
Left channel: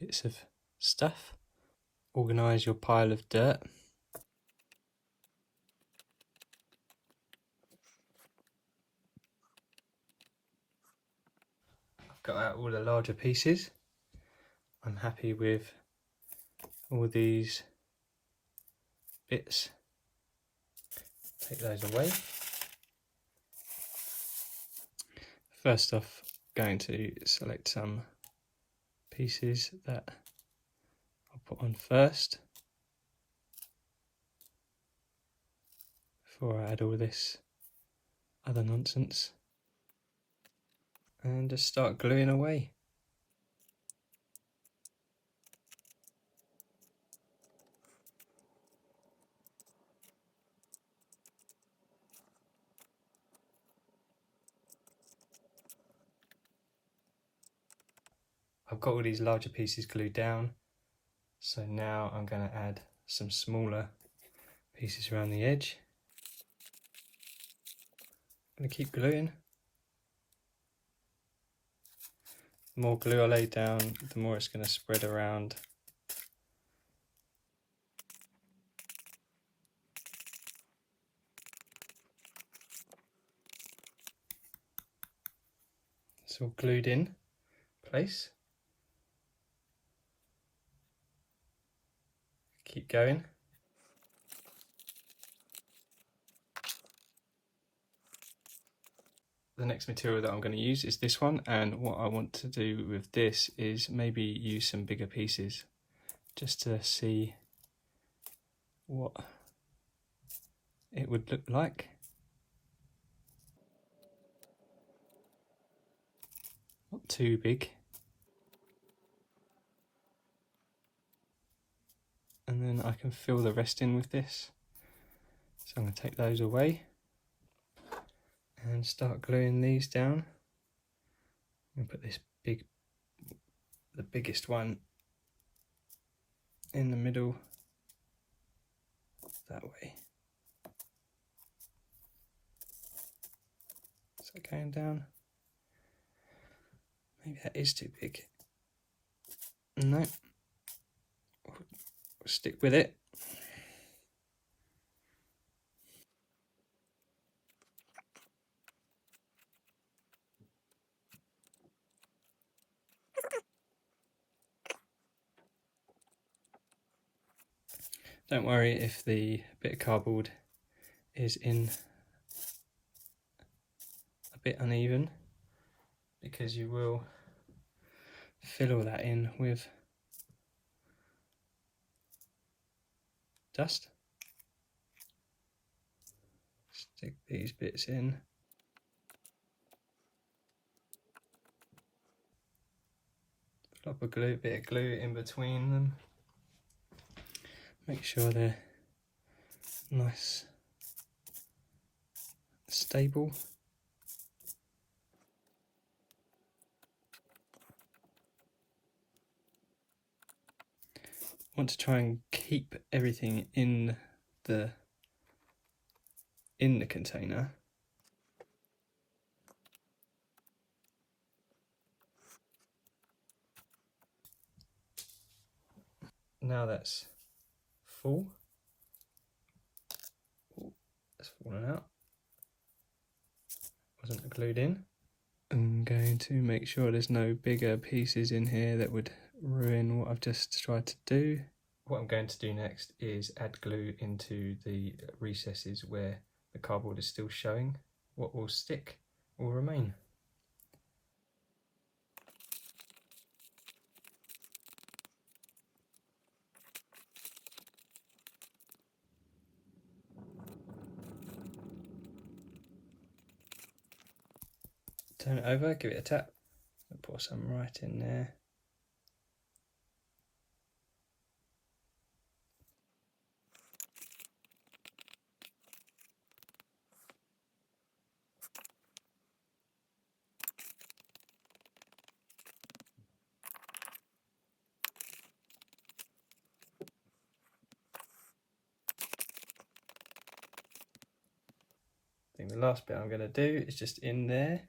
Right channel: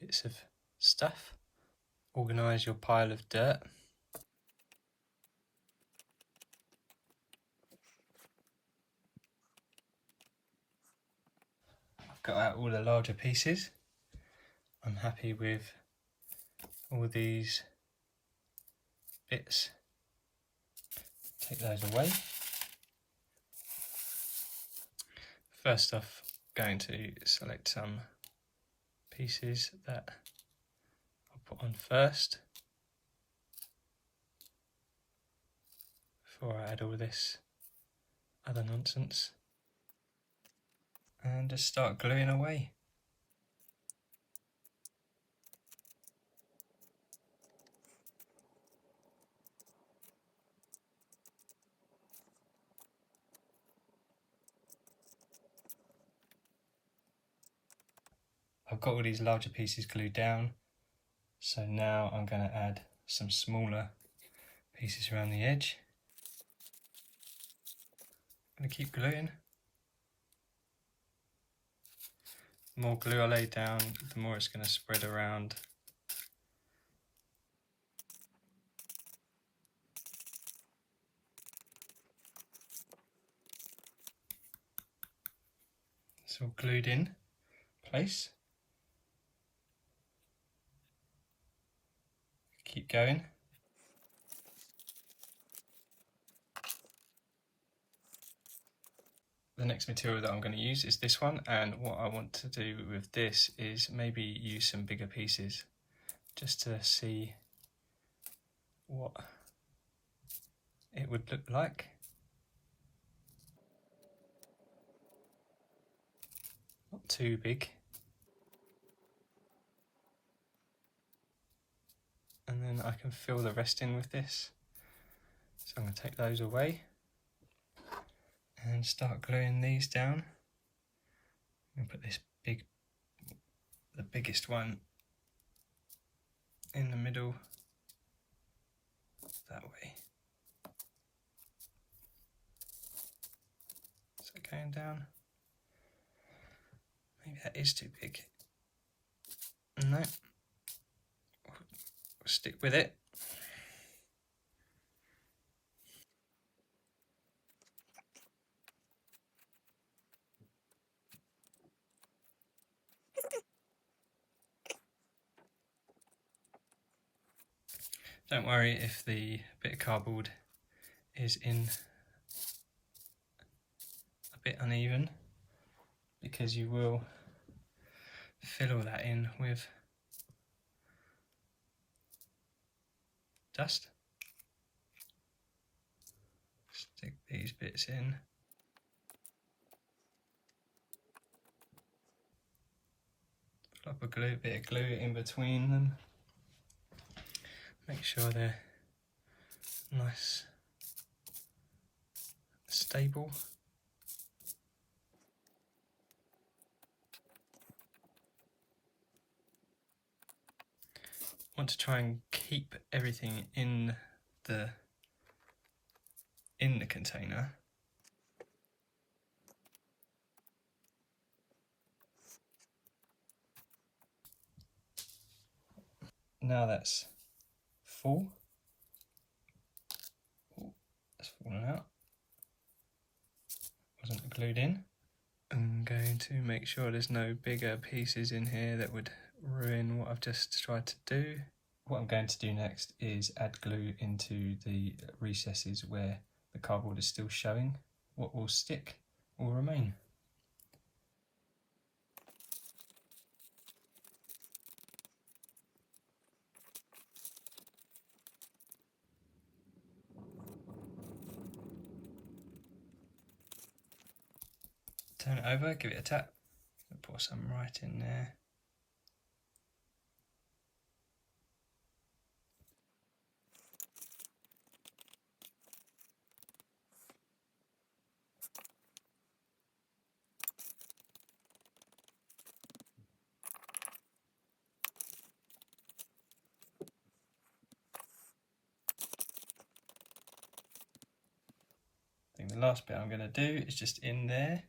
Bits of stuff. Organise your pile of dirt. I've got out all the larger pieces. I'm happy with all these bits. Take those away. First off, going to select some pieces that I'll put on first before I add all this other nonsense, and just start gluing away. I've got all these larger pieces glued down, so now I'm going to add some smaller pieces around the edge. I'm going to keep gluing. The more glue I lay down, the more it's going to spread around. It's all glued in place. Keep going. The next material that I'm going to use is this one, and what I want to do with this is maybe use some bigger pieces just to see what it would look like. Not too big. And then I can fill the rest in with this. So I'm going to take those away and start gluing these down. I'm going to put this the biggest one in the middle, that way. Is that going down? Maybe that is too big. No, we'll stick with it. Don't worry if the bit of cardboard is in a bit uneven, because you will fill all that in with dust. Stick these bits in. Drop a bit of glue in between them. Make sure they're nice, stable. I want to try and keep everything in the container. Now that's full. Oh, that's fallen out. Wasn't glued in. I'm going to make sure there's no bigger pieces in here that would ruin what I've just tried to do. What I'm going to do next is add glue into the recesses where the cardboard is still showing. What will stick will remain. Turn it over, give it a tap, pour some right in there. I think the last bit I'm going to do is just in there.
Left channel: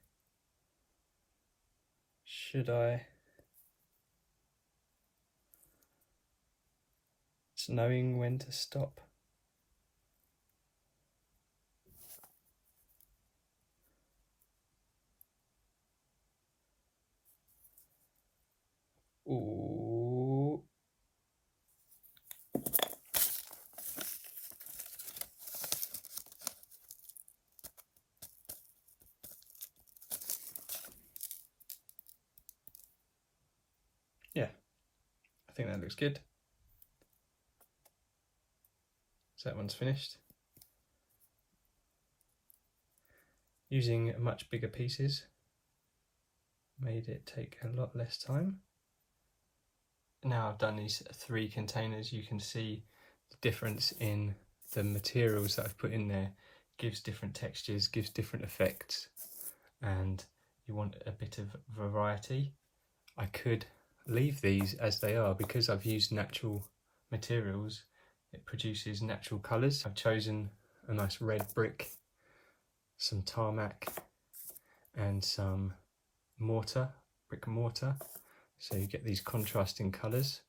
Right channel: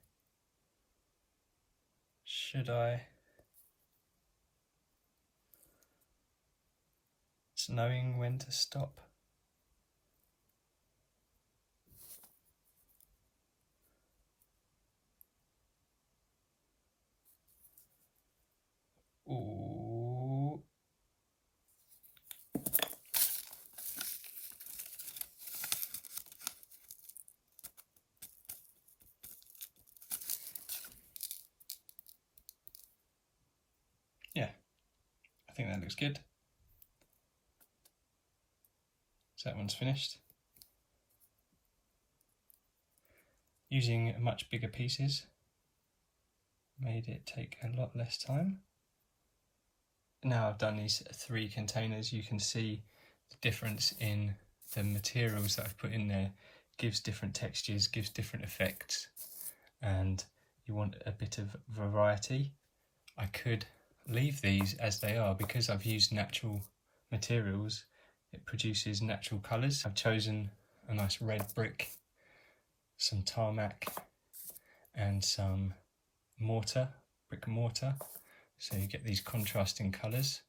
Should I? It's knowing when to stop. Ooh. Yeah, I think that looks good. So that one's finished. Using much bigger pieces made it take a lot less time. Now I've done these 3 containers, you can see the difference in the materials that I've put in there. Gives different textures, gives different effects, and you want a bit of variety. I could leave these as they are because I've used natural materials. It produces natural colours. I've chosen a nice red brick, some tarmac and some brick mortar, so you get these contrasting colours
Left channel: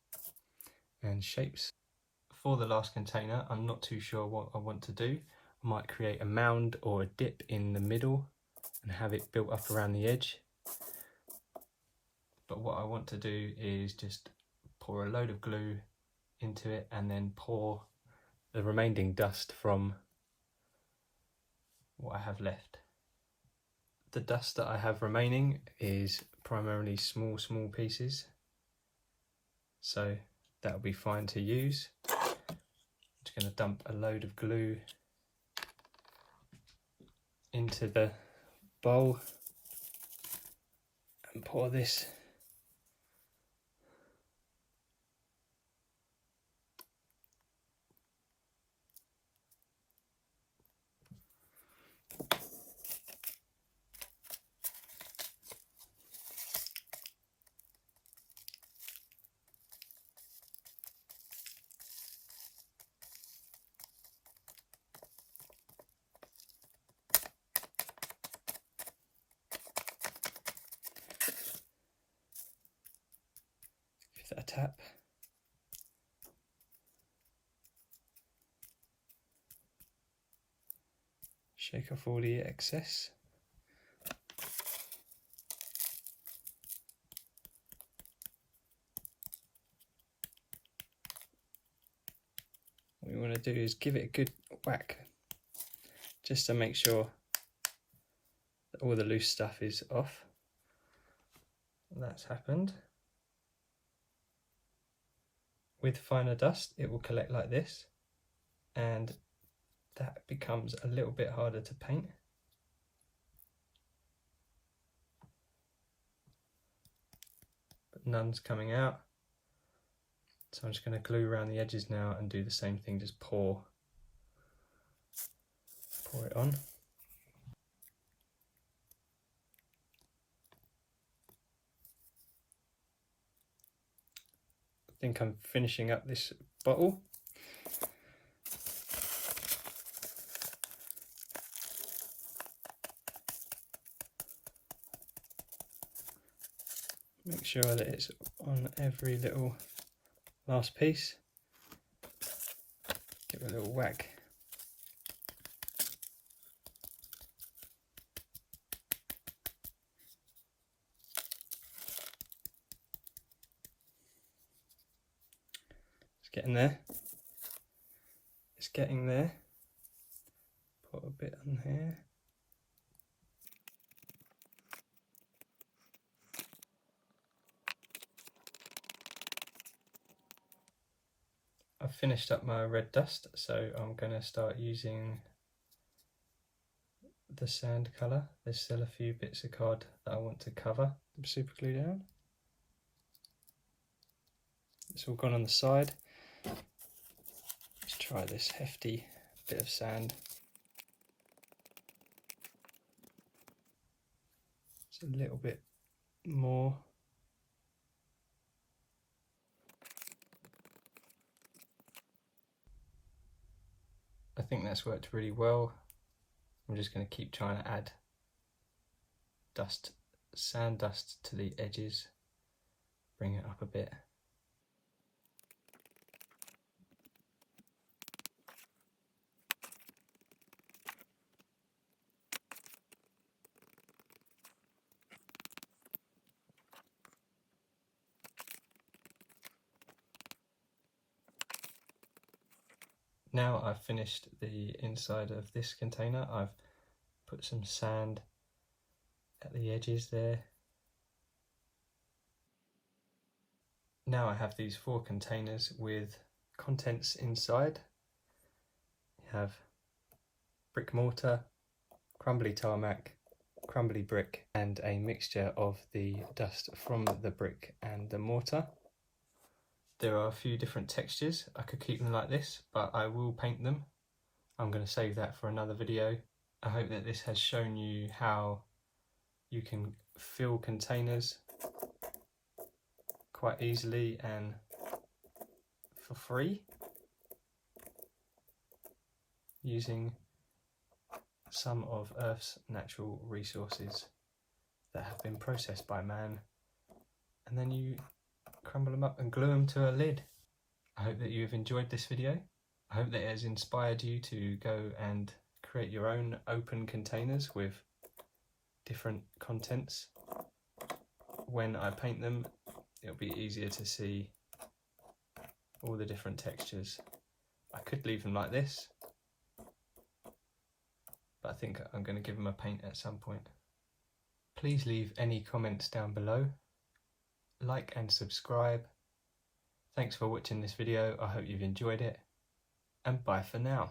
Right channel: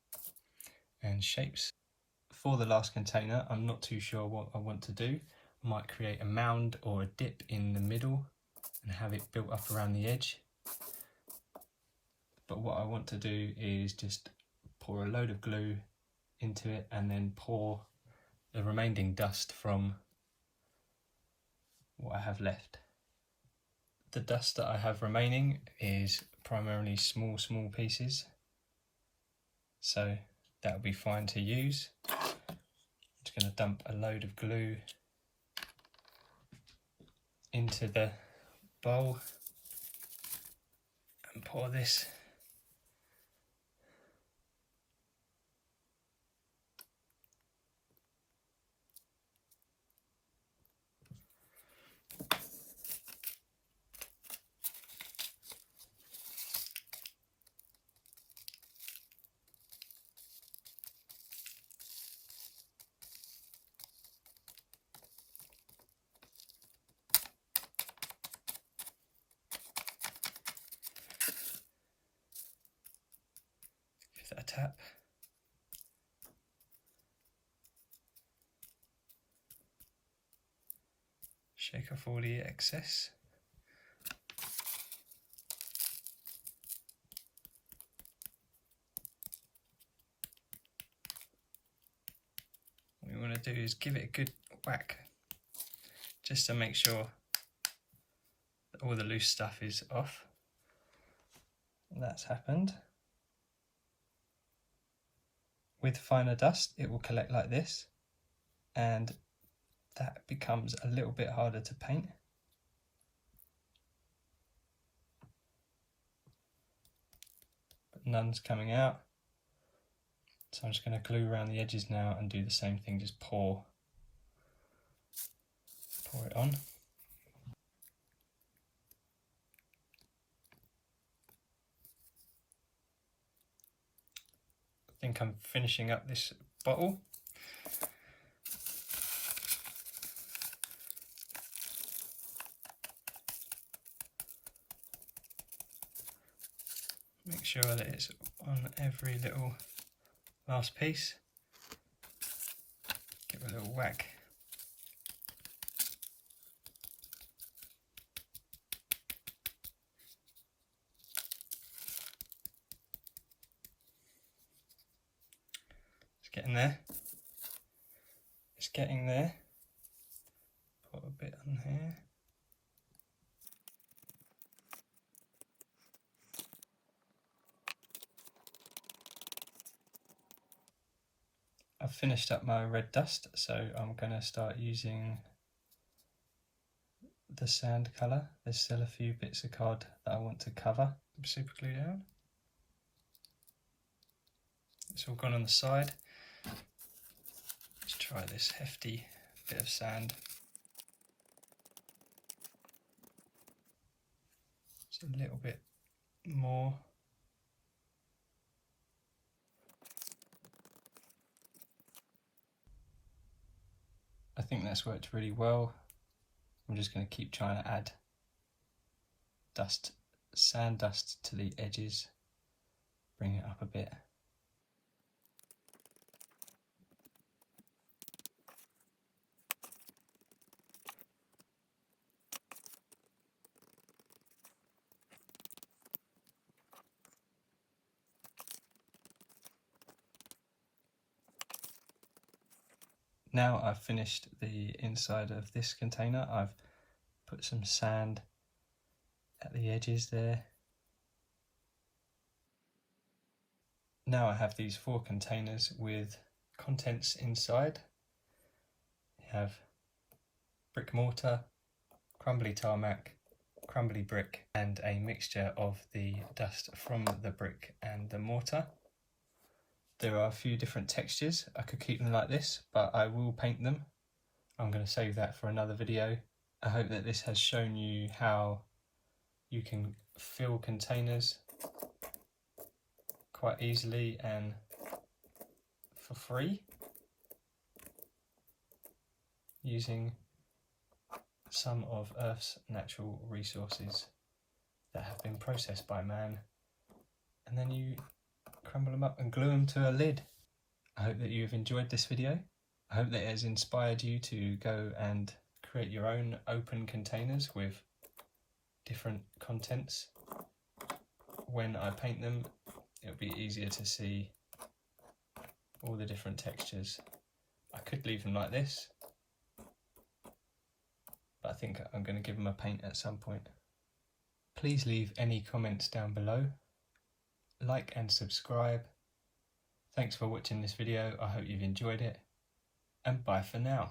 and shapes. For the last container, I'm not too sure what I want to do. I might create a mound or a dip in the middle and have it built up around the edge. But what I want to do is just pour a load of glue into it and then pour the remaining dust from what I have left. The dust that I have remaining is primarily small pieces, so that'll be fine to use. I'm just going to dump a load of glue into the bowl and pour this a tap. Shake off all the excess. What we want to do is give it a good whack just to make sure that all the loose stuff is off. That's happened. With finer dust, it will collect like this, and that becomes a little bit harder to paint. But none's coming out. So I'm just going to glue around the edges now and do the same thing, just pour it on. I think I'm finishing up this bottle. Make sure that it's on every little last piece. Give it a little whack. It's getting there. It's getting there. Put a bit on here. I've finished up my red dust, so I'm going to start using the sand colour. There's still a few bits of card that I want to cover, super glue down. It's all gone on the side. Let's try this hefty bit of sand. Just a little bit more. I think that's worked really well. I'm just going to keep trying to add dust, sand dust to the edges, bring it up a bit. Now I've finished the inside of this container. I've put some sand at the edges there. Now I have these 4 containers with contents inside. You have brick mortar, crumbly tarmac, crumbly brick, and a mixture of the dust from the brick and the mortar. There are a few different textures. I could keep them like this, but I will paint them. I'm going to save that for another video. I hope that this has shown you how you can fill containers quite easily and for free using some of Earth's natural resources that have been processed by man, and then you crumble them up and glue them to a lid. I hope that you've enjoyed this video. I hope that it has inspired you to go and create your own open containers with different contents. When I paint them, it'll be easier to see all the different textures. I could leave them like this, but I think I'm going to give them a paint at some point. Please leave any comments down below. Like and subscribe. Thanks for watching this video. I hope you've enjoyed it, and bye for now.